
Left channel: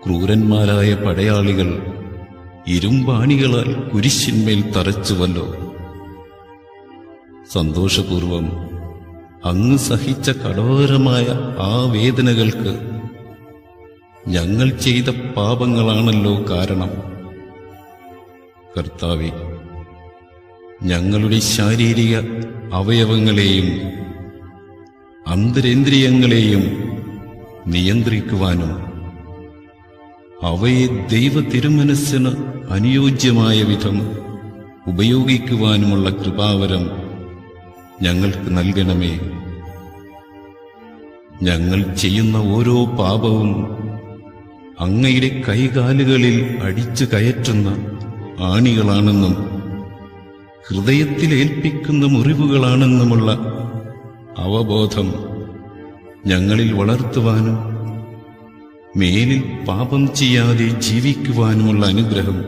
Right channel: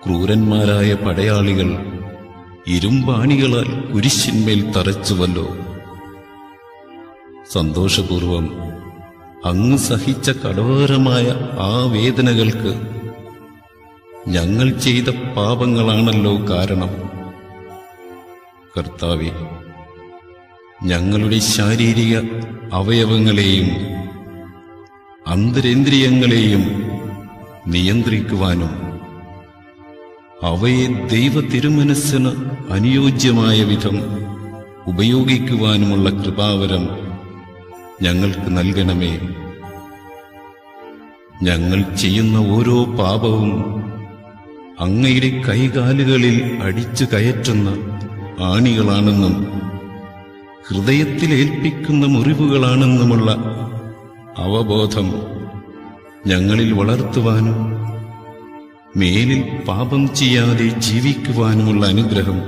ക്രൂരന്മാരായ പടയാളികൾ ഇരുമ്പാണികളാൽ കുരിശിന്മേൽ തറച്ചുവല്ലോ. സന്തോഷപൂർവം അങ്ങ് സഹിച്ച കഠോരമായ ആ വേദനകൾക്ക് ഞങ്ങൾ ചെയ്ത പാപങ്ങളാണല്ലോ കാരണം. കർത്താവേ, ഞങ്ങളുടെ ശാരീരിക അവയവങ്ങളെയും അന്തരേന്ദ്രിയങ്ങളെയും നിയന്ത്രിക്കുവാനും അവയെ ദൈവ തിരുമനസ്സിന് അനുയോജ്യമായ വിധം ഉപയോഗിക്കുവാനുമുള്ള കൃപാവരം ഞങ്ങൾക്ക് നൽകണമേ. ഞങ്ങൾ ചെയ്യുന്ന ഓരോ പാപവും അങ്ങയുടെ കൈകാലുകളിൽ അടിച്ചു കയറ്റുന്ന ആണികളാണെന്നും ഹൃദയത്തിലേൽപ്പിക്കുന്ന മുറിവുകളാണെന്നുമുള്ള അവബോധം ഞങ്ങളിൽ വളർത്തുവാനും മേലിൽ പാപം ചെയ്യാതെ ജീവിക്കുവാനുമുള്ള അനുഗ്രഹം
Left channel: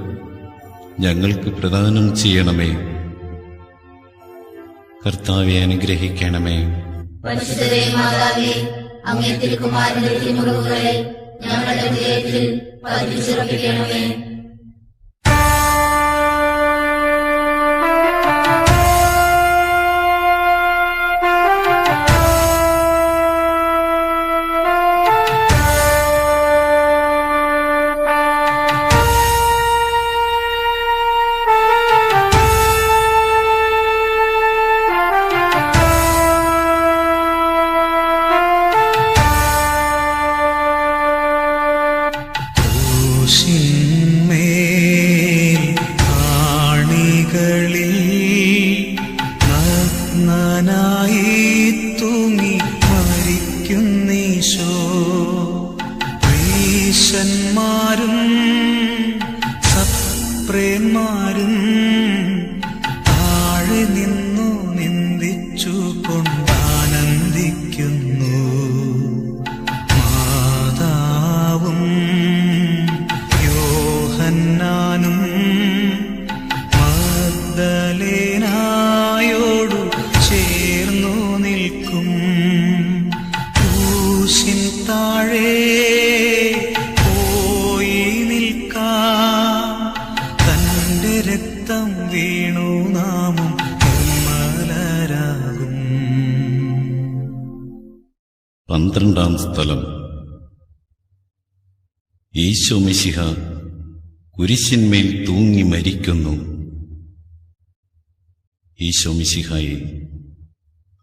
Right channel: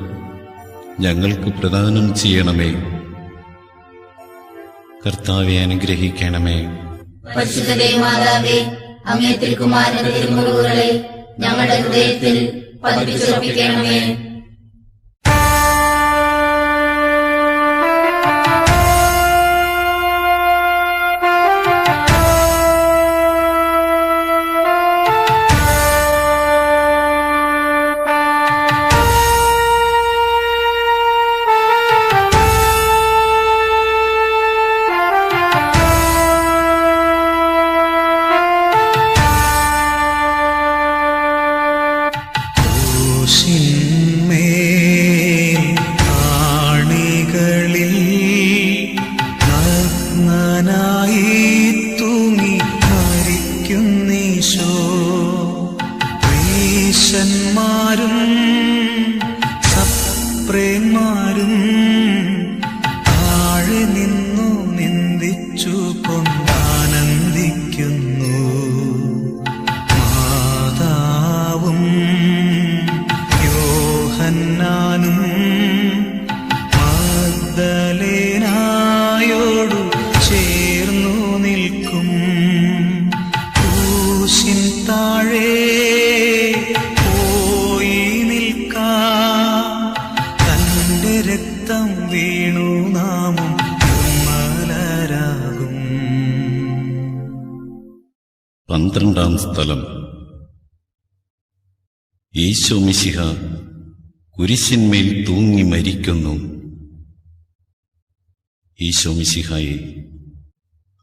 ഞങ്ങൾക്ക് പ്രദാനം ചെയ്യണമേ. കർത്താവെ അനുഗ്രഹിക്കണമേ. പരിശുദ്ധ മാതാവേ, അങ്ങേ തിരുക്കുമാരന്റെ തിരുമുറിവുകളെ ഞങ്ങളുടെ ഹൃദയത്തിൽ പതിപ്പിച്ചുറപ്പിക്കണമേ. ക്രൂശിൻ 12-ാം സ്ഥലം. ഈശോ മിശിഹ കുരിശിന്മേൽ തൂങ്ങി മരിക്കുന്നു. ഈശോ മിശിഹായെ,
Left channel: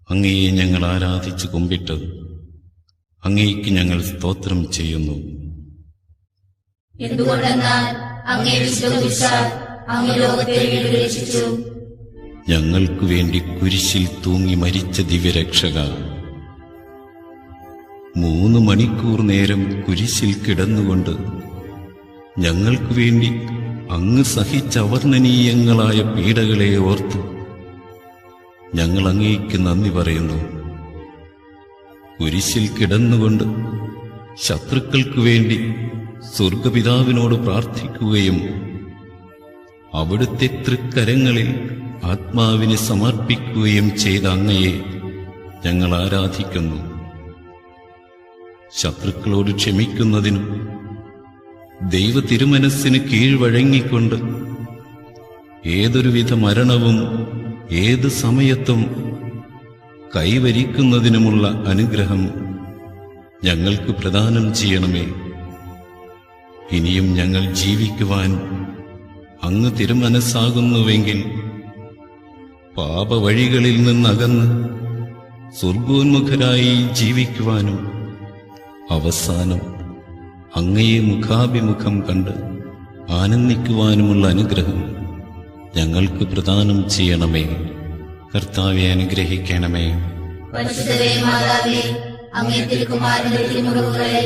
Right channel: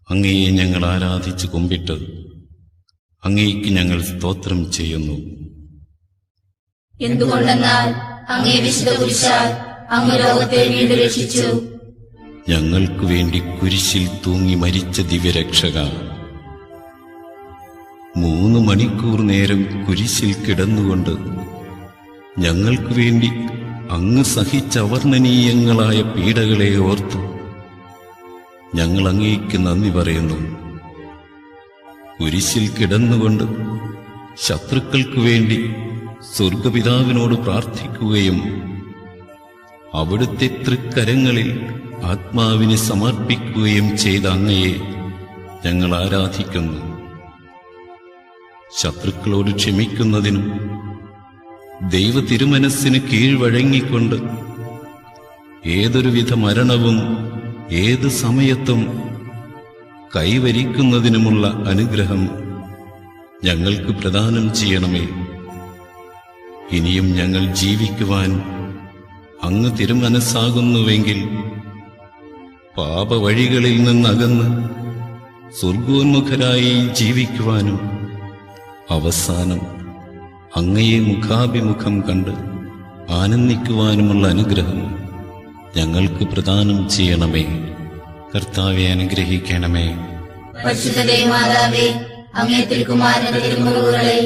അങ്ങയെ ഞങ്ങൾ ആരാധിച്ച് കുമ്പിട്ട് അങ്ങയ്ക്ക് ഞങ്ങൾ സ്തോത്രം ചെയ്യുന്നു. എന്തുകൊണ്ടെന്നാൽ അങ്ങേ വിശ്വസിച്ചാൽ അങ്ങ് ലോകത്തെ വീണ്ടുരക്ഷിച്ചു. ഞങ്ങൾക്കു വേണ്ടി കുരിശിൽ തൂങ്ങി മരിച്ച ദിവ്യരക്ഷക, 3 മണിക്കൂർ നേരം കുരിശിൽ കിടന്നുകൊണ്ട് ഞങ്ങൾക്കു വേണ്ടി അങ്ങ് സഹിച്ച അവർണ്ണനീയങ്ങളായ പീഡകളെ ഓർത്തു ഞങ്ങൾ അങ്ങേക്ക് നന്ദി പറയുന്നു. കുരിശിൽ കിടന്നുകൊണ്ട് ശത്രുക്കൾക്കു വേണ്ടി സ്വർഗപിതാവിനോട് പ്രാർത്ഥിക്കുകയും അവിടുത്തെ തൃക്കരങ്ങളിൽ ആത്മാവിനെ സമർപ്പിക്കുകയും ചെയ്ത അങ്ങയെ ഞങ്ങൾ ആരാധിക്കുന്നു. ശത്രുക്കളോട് ക്ഷമിക്കുന്നതിനും ദൈവ തിരുമനസ്സിന് കീഴ്വഴങ്ങിക്കൊണ്ട് ഏതൊരുവിധ മരണവും ഏത് സമയത്തും കൈവരിക്കുന്നതിനുമുള്ള അനുഗ്രഹം ഞങ്ങൾക്ക് പ്രദാനം ചെയ്യണമേ. ഇനിയും ഞങ്ങൾ ജീവിക്കുവാൻ അങ്ങ് തിരുമനസ്സാകുന്നുവെങ്കിൽ പാപവഴികളിൽ നിന്നകന്ന് സ്വർഗോന്മുഖരായി ജീവിക്കുവാനും അവസാനം അങ്ങയെ മുഖാഭിമുഖം കണ്ട് ആനന്ദിക്കുവാനുമുള്ള അനുഗ്രഹം ഞങ്ങൾക്ക് പ്രദാനം ചെയ്യണമേ. കർത്താവെ അനുഗ്രഹിക്കണമേ. പരിശുദ്ധ മാതാവേ, അങ്ങേ തിരുക്കുമാരന്റെ തിരുമുറിവുകളെ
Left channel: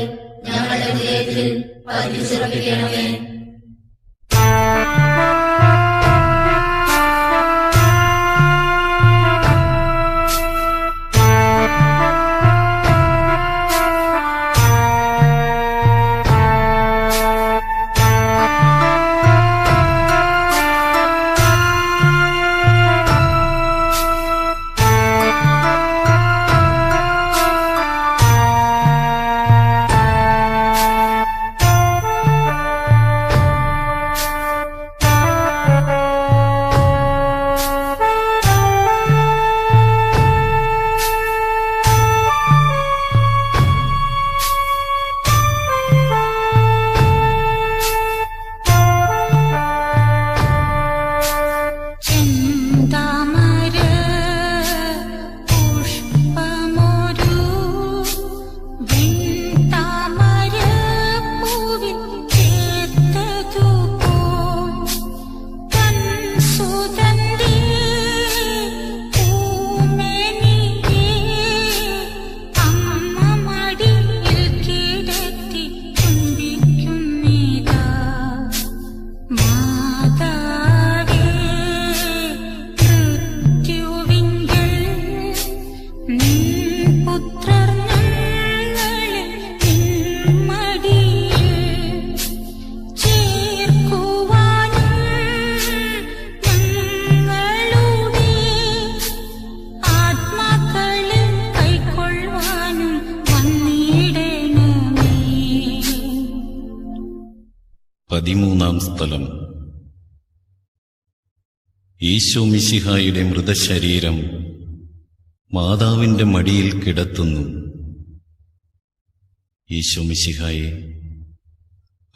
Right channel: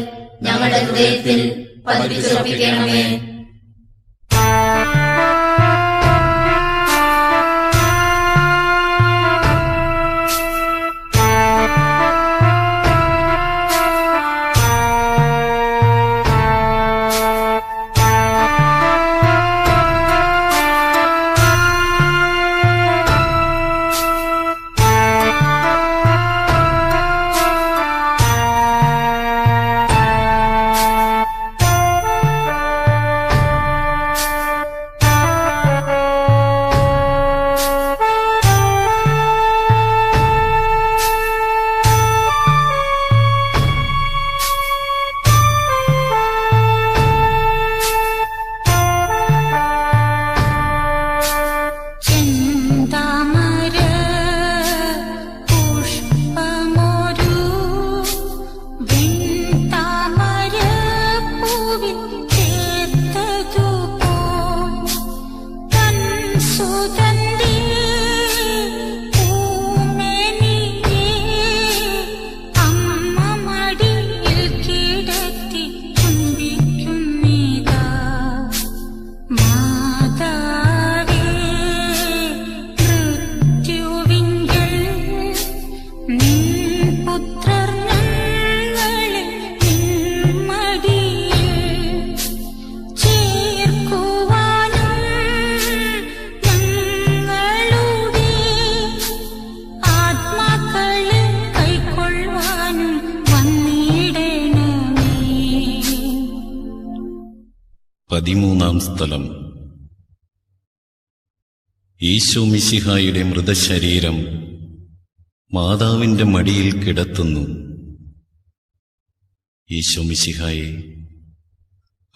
ഞങ്ങളുടെ ഹൃദയത്തിൽ പതിപ്പിച്ചുറപ്പിക്കണമേ. ചെന്താമര പുഷ്പമൊരു വെൺതാമര പൂവിൽ ചേർത്തതുപോൽ തൻ സുഗന്ധി പൂമെനിയെ അമ്മ മടിയിൽ കിടത്തി ചുംബിക്കുന്നിതാ. പതിമൂന്നാം സ്ഥലം. ഈശോ മിശിഹായുടെ മൃതശരീരം മാതാവിന്റെ മടിയിൽ കിടത്തുന്നു. ഈശോ മിശിഹായെ,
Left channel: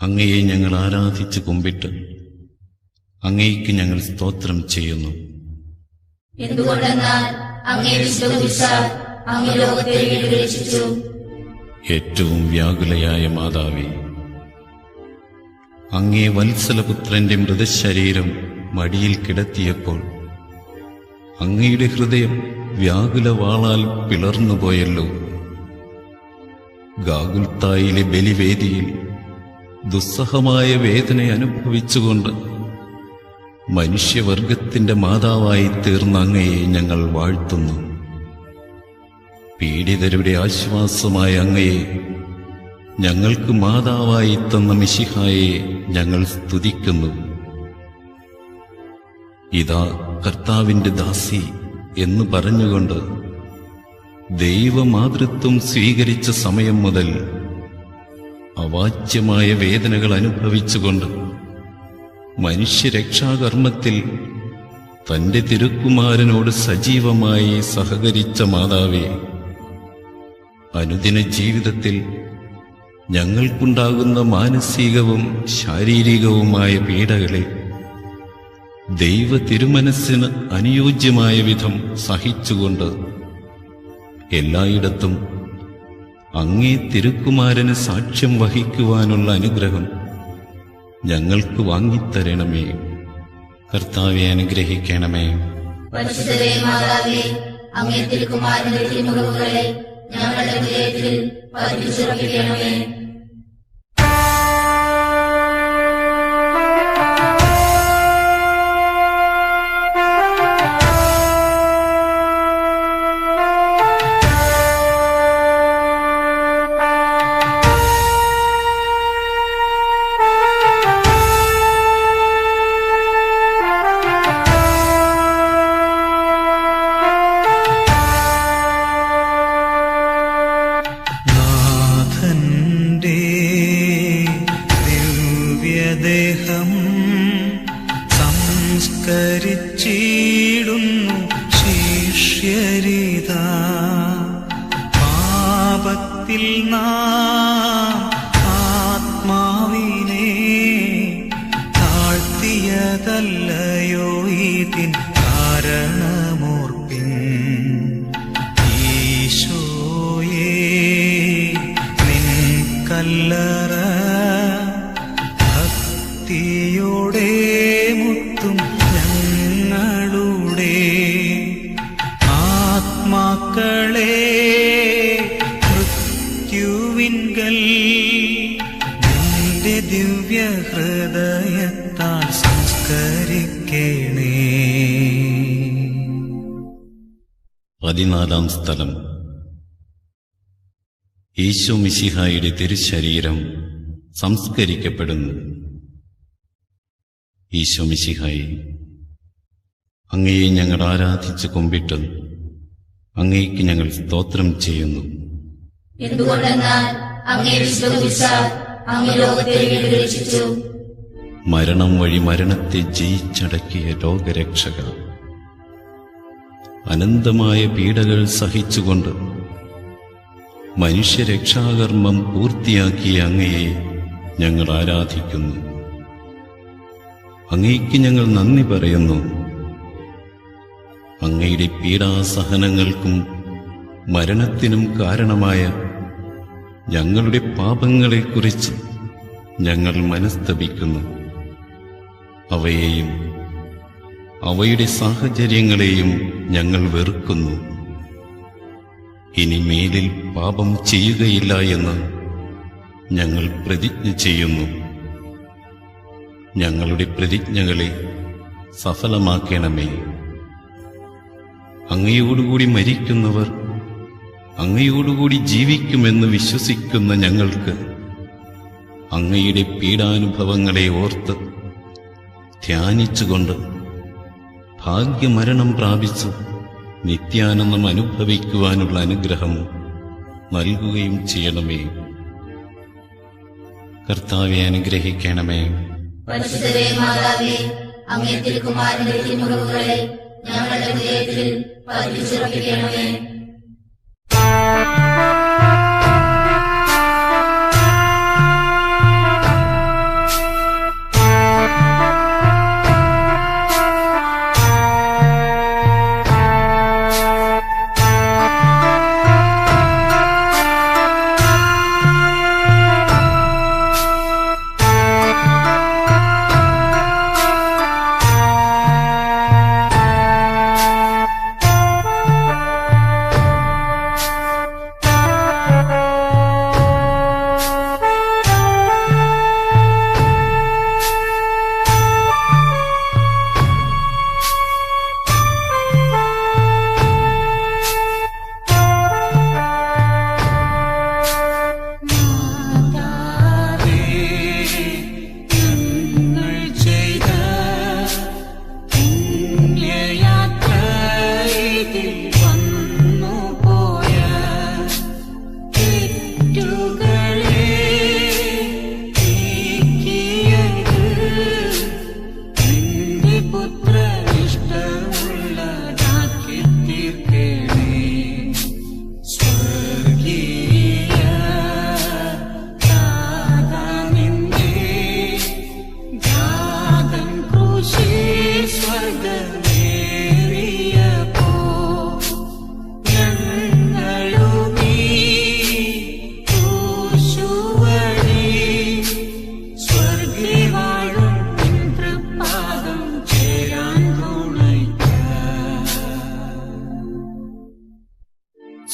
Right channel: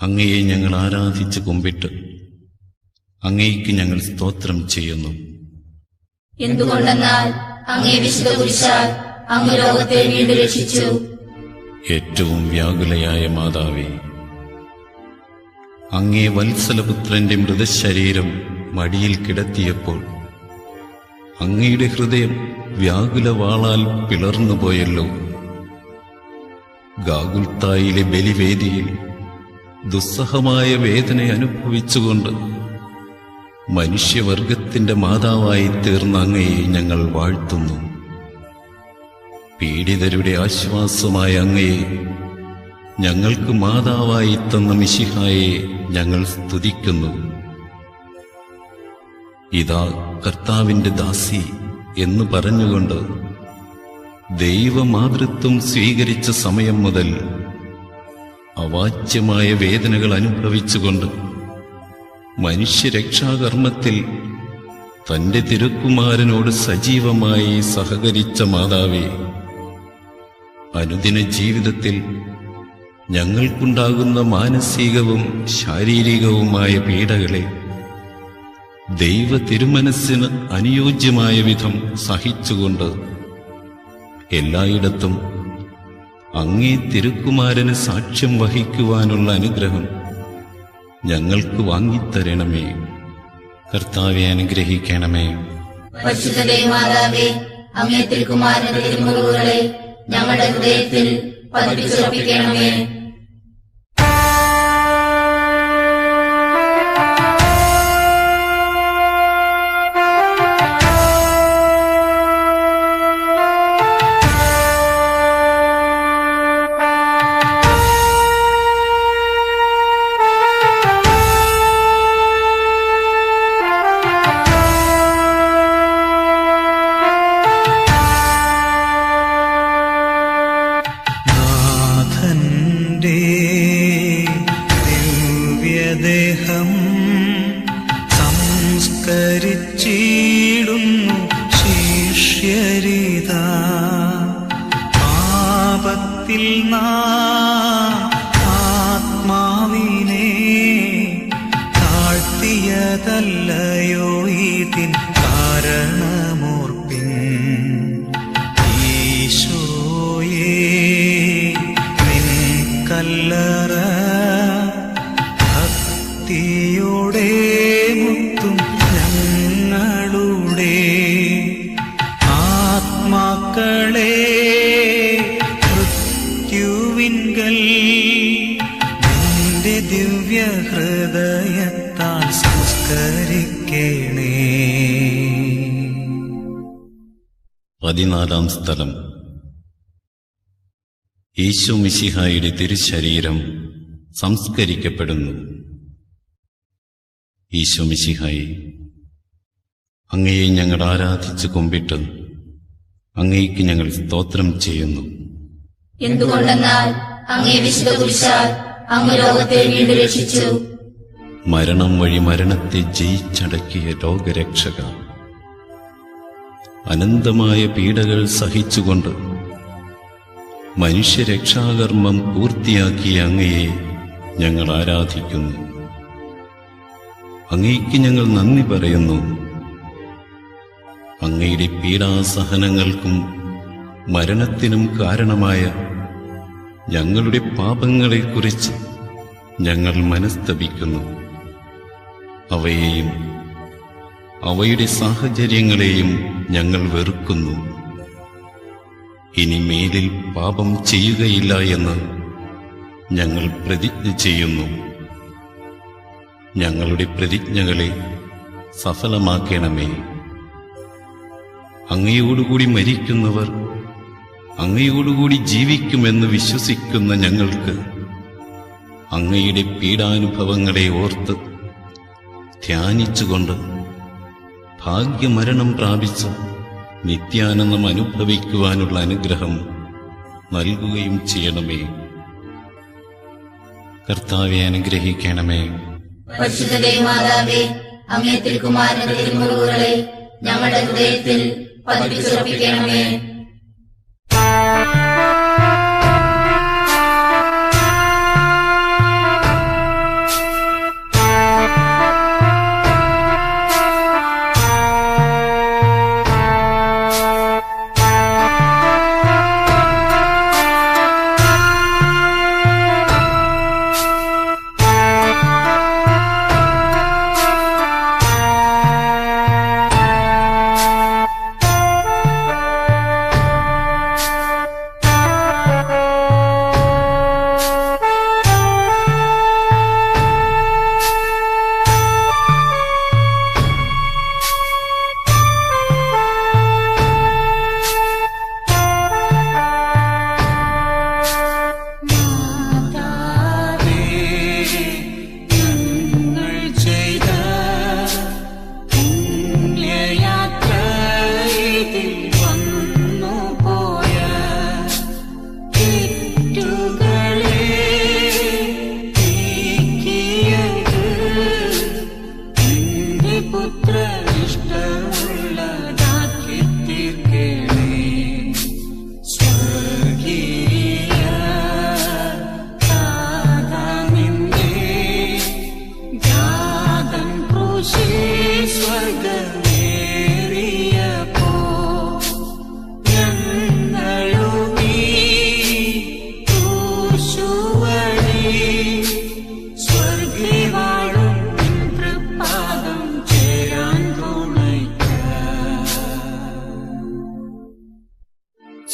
അങ്ങയെ ഞങ്ങൾ ആരാധിച്ച് കുമ്പിട്ട് അങ്ങയ്ക്ക് ഞങ്ങൾ സ്തോത്രം ചെയ്യുന്നു. എന്തുകൊണ്ടെന്നാൽ അങ്ങേ വിശ്വസിച്ചാൽ അങ്ങ് ലോകത്തെ വീണ്ടുരക്ഷിച്ചു. ഏറ്റവും വ്യാകുലയായ മാതാവേ, അങ്ങേ വത്സലപുത്രന്റെ മൃതശരീരം മടിയിൽ കിടത്തിയപ്പോൾ അങ്ങയുടെ ഹൃദയം വ്യാകുലവാളാൽ പിളർന്നുപോയല്ലോ. ഗാഗുൽത്തായിലെ ബലിവേദിയിൽ ദുസ്സഹമായ വേദന അനുഭവിച്ചുകൊണ്ട് മനുഷ്യവർഗത്തിന്റെ മാതാവായി തീർന്ന അങ്ങയെ ഞങ്ങൾ വാഴ്ത്തുന്നു. പീഡിതരുടെ ആശ്വാസമായ അങ്ങയെ, ഞങ്ങൾക്ക് മാതാവായി തന്ന മിശിഹായെ ഞങ്ങൾ സ്തുതിക്കുന്നു. ഇതാ കർത്താവിന്റെ ദാസി എന്ന് പറഞ്ഞുകൊണ്ട് ദൈവമാതൃത്വം സ്വീകരിച്ച സമയം മുതൽ അവാച്യമായ വേദനകൾ അനുഭവിച്ചുകൊണ്ട് മനുഷ്യരക്ഷാകർമ്മത്തിൽ തന്റെ തിരുക്കുമാരനോട് സജീവമായി സഹകരിച്ച മാതാവേ, അനുദിന ജീവിതത്തിൽ ഞങ്ങൾക്കുണ്ടാകുന്ന മാനസികവും ശാരീരികവുമായ പീഡകളെ ദൈവ തിരുമനസ്സിന് അനുയോജ്യമായ വിധം സഹിച്ചുകൊണ്ട് എല്ലായിടത്തും അങ്ങേ തിരുക്കുമാരന് സാക്ഷ്യം വഹിക്കുവാനുള്ള അനുഗ്രഹം ഞങ്ങൾക്ക് വാങ്ങിത്തരണമേ. കർത്താവെ അനുഗ്രഹിക്കണമേ. പരിശുദ്ധരെ മാതാവേ, അങ്ങേ തിരുക്കുമാരന്റെ തിരുമുറിവുകളെ ഞങ്ങളുടെ ഹൃദയത്തിൽ പതിപ്പിച്ചുറപ്പിക്കണമേ. നാഥന്റെ ദിവ്യദേഹം സംസ്കരിച്ചിടുന്നു ശിഷ്യരിതാ. പാപത്തിൽ നാം ആത്മാവിനെ താഴ്ത്തിയതല്ലയോ ഇതിൻ കാരണമോർപ്പിൻ. കല്ലറ ഭക്തിയോടെ മുത്തും ഞങ്ങളുടെ ആത്മാക്കളെ മൃത്യുവിങ്കൽ നിന്റെ ദിവ്യ ഹൃദയത്താൽ സംസ്കരിക്കണേ. 14 സ്ഥലം. ഈശോ മിശിഹായുടെ തിരുശരീരം സംസ്കരിക്കപ്പെടുന്നു. ഈശോ മിശിഹായെ, അങ്ങയെ ഞങ്ങൾ ആരാധിച്ച് കുമ്പിട്ട് അങ്ങയ്ക്ക് ഞങ്ങൾ സ്തോത്രം ചെയ്യുന്നു. എന്തുകൊണ്ടെന്നാൽ അങ്ങേ വിശ്വസിച്ചാൽ അങ്ങ് ലോകത്തെ വീണ്ടും രക്ഷിച്ചു. മരണം വഴി മരണത്തെ ജയിച്ചടക്കിയ ലോകരക്ഷക, അനന്തമായ പീഡകൾ സഹിച്ചുകൊണ്ട് മനുഷ്യരക്ഷാകർമ്മം പൂർത്തിയാക്കിയ അങ്ങയെ ഞങ്ങൾ ആരാധിക്കുന്നു. അങ്ങയ്ക്ക് ഞങ്ങൾ നന്ദി പറയുന്നു. അങ്ങയുടെ പീഡാസഹനങ്ങൾക്കും മരണത്തിനും കാരണമായ ഞങ്ങളുടെ പാപങ്ങളെക്കുറിച്ച് ഞങ്ങൾ മനസ്തപിക്കുന്നു. അവയെയും അവയുടെ സാഹചര്യങ്ങളെയും ഞങ്ങൾ വെറുക്കുന്നു. ഇനി മേലിൽ പാപം ചെയ്യുകയില്ല എന്ന് ഞങ്ങൾ പ്രതിജ്ഞ ചെയ്യുന്നു. ഞങ്ങളുടെ പ്രതിജ്ഞകളെ സഫലമാക്കണമേ. അങ്ങയോടുകൂടി മരിക്കുന്നവർ അങ്ങയോടുകൂടി ജീവിക്കുമെന്ന് വിശ്വസിക്കുന്ന ഞങ്ങൾക്ക് അങ്ങയുടെ പീഡാനുഭവങ്ങളെ ഓർത്ത് ധ്യാനിച്ചുകൊണ്ട് ഭാഗ്യമരണം പ്രാപിച്ച് നിത്യാനന്ദം അനുഭവിക്കുവാനുള്ള അനുഗ്രഹം നൽകുകയും ചെയ്യണമേ. കർത്താവെ അനുഗ്രഹിക്കണമേ. പരിശുദ്ധരെ മാതാവേ, അങ്ങേ തിരുക്കുമാരന്റെ തിരുമുറിവുകളെ ഞങ്ങളുടെ ഹൃദയത്തിൽ പതിപ്പിച്ചുറപ്പിക്കണമേ.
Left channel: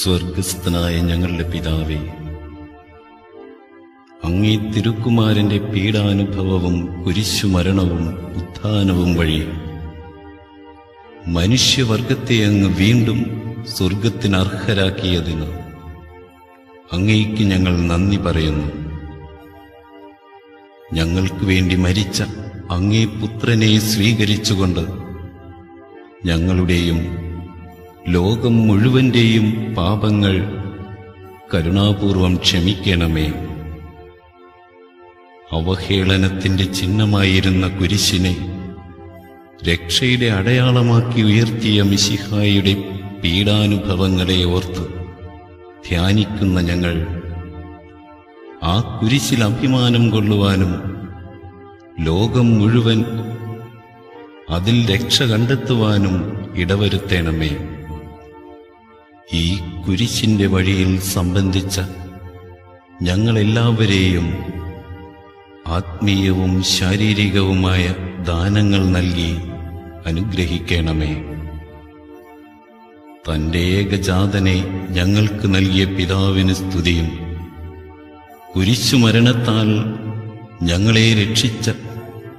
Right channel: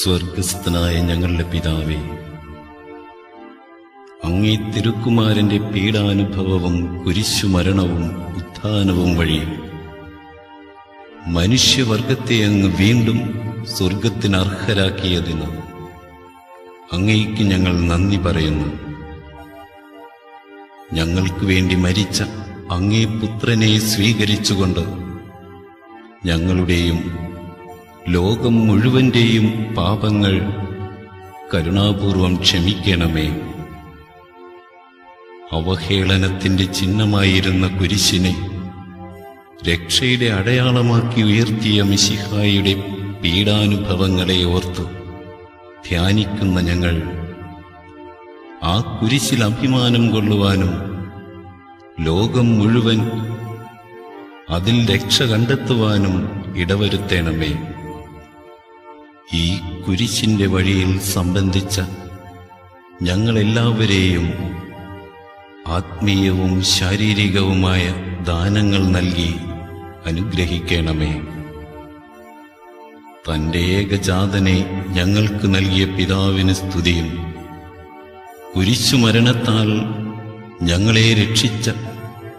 സ്വർഗസ്ഥനായ ഞങ്ങളുടെ പിതാവേ, അങ്ങേ തിരുക്കുമാരന്റെ പീഡാനുഭവവും കുരിശുമരണവും ഉത്ഥാനവും വഴി മനുഷ്യവർഗത്തെ അങ്ങ് വീണ്ടും സ്വർഗത്തിന് അർഹരാക്കിയതിന് അങ്ങേക്ക് ഞങ്ങൾ നന്ദി പറയുന്നു. ഞങ്ങൾക്ക് വേണ്ടി മരിച്ച അങ്ങേ പുത്രനെ സ്വീകരിച്ചുകൊണ്ട് ഞങ്ങളുടെയും ലോകം മുഴുവന്റെയും പാപങ്ങൾ കരുണാപൂർവം ക്ഷമിക്കണമേ. അവഹേളനത്തിന്റെ ചിഹ്നമായിരുന്ന കുരിശിനെ രക്ഷയുടെ അടയാളമാക്കി ഉയർത്തിയ മിശിഹായുടെ പീഡാനുഭവങ്ങളെ ഓർത്ത് ധ്യാനിക്കുന്ന ഞങ്ങൾ ആ കുരിശിൽ അഭിമാനം കൊള്ളുവാനും ലോകം മുഴുവൻ അതിൽ രക്ഷ കണ്ടെത്തുവാനും ഇടവരുത്തണമേ. ഈ കുരിശിന്റെ വഴിയിൽ സംബന്ധിച്ച ഞങ്ങളെല്ലാവരെയും ആത്മീയവും ശാരീരികവുമായ ദാനങ്ങൾ നൽകി അനുഗ്രഹിക്കണമേ. തന്റെ ഏകജാതനെ ഞങ്ങൾക്ക് നൽകിയ പിതാവിന് സ്തുതിയും കുരിശുമരണത്താൽ ഞങ്ങളെ രക്ഷിച്ച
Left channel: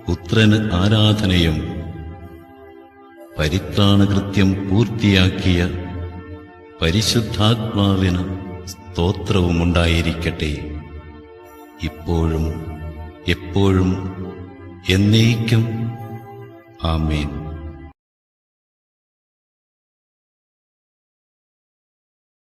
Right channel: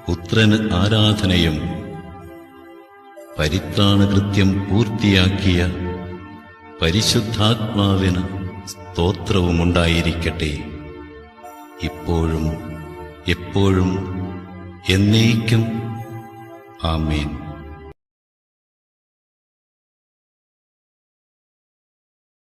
പുത്രന് ആരാധനയും പരിത്രാണകൃത്യം പൂർത്തിയാക്കിയ പരിശുദ്ധാത്മാവിന് സ്തോത്രവുമുണ്ടായിരിക്കട്ടെ, ഇപ്പോഴും എപ്പോഴും എന്നേക്കും. ആമേൻ.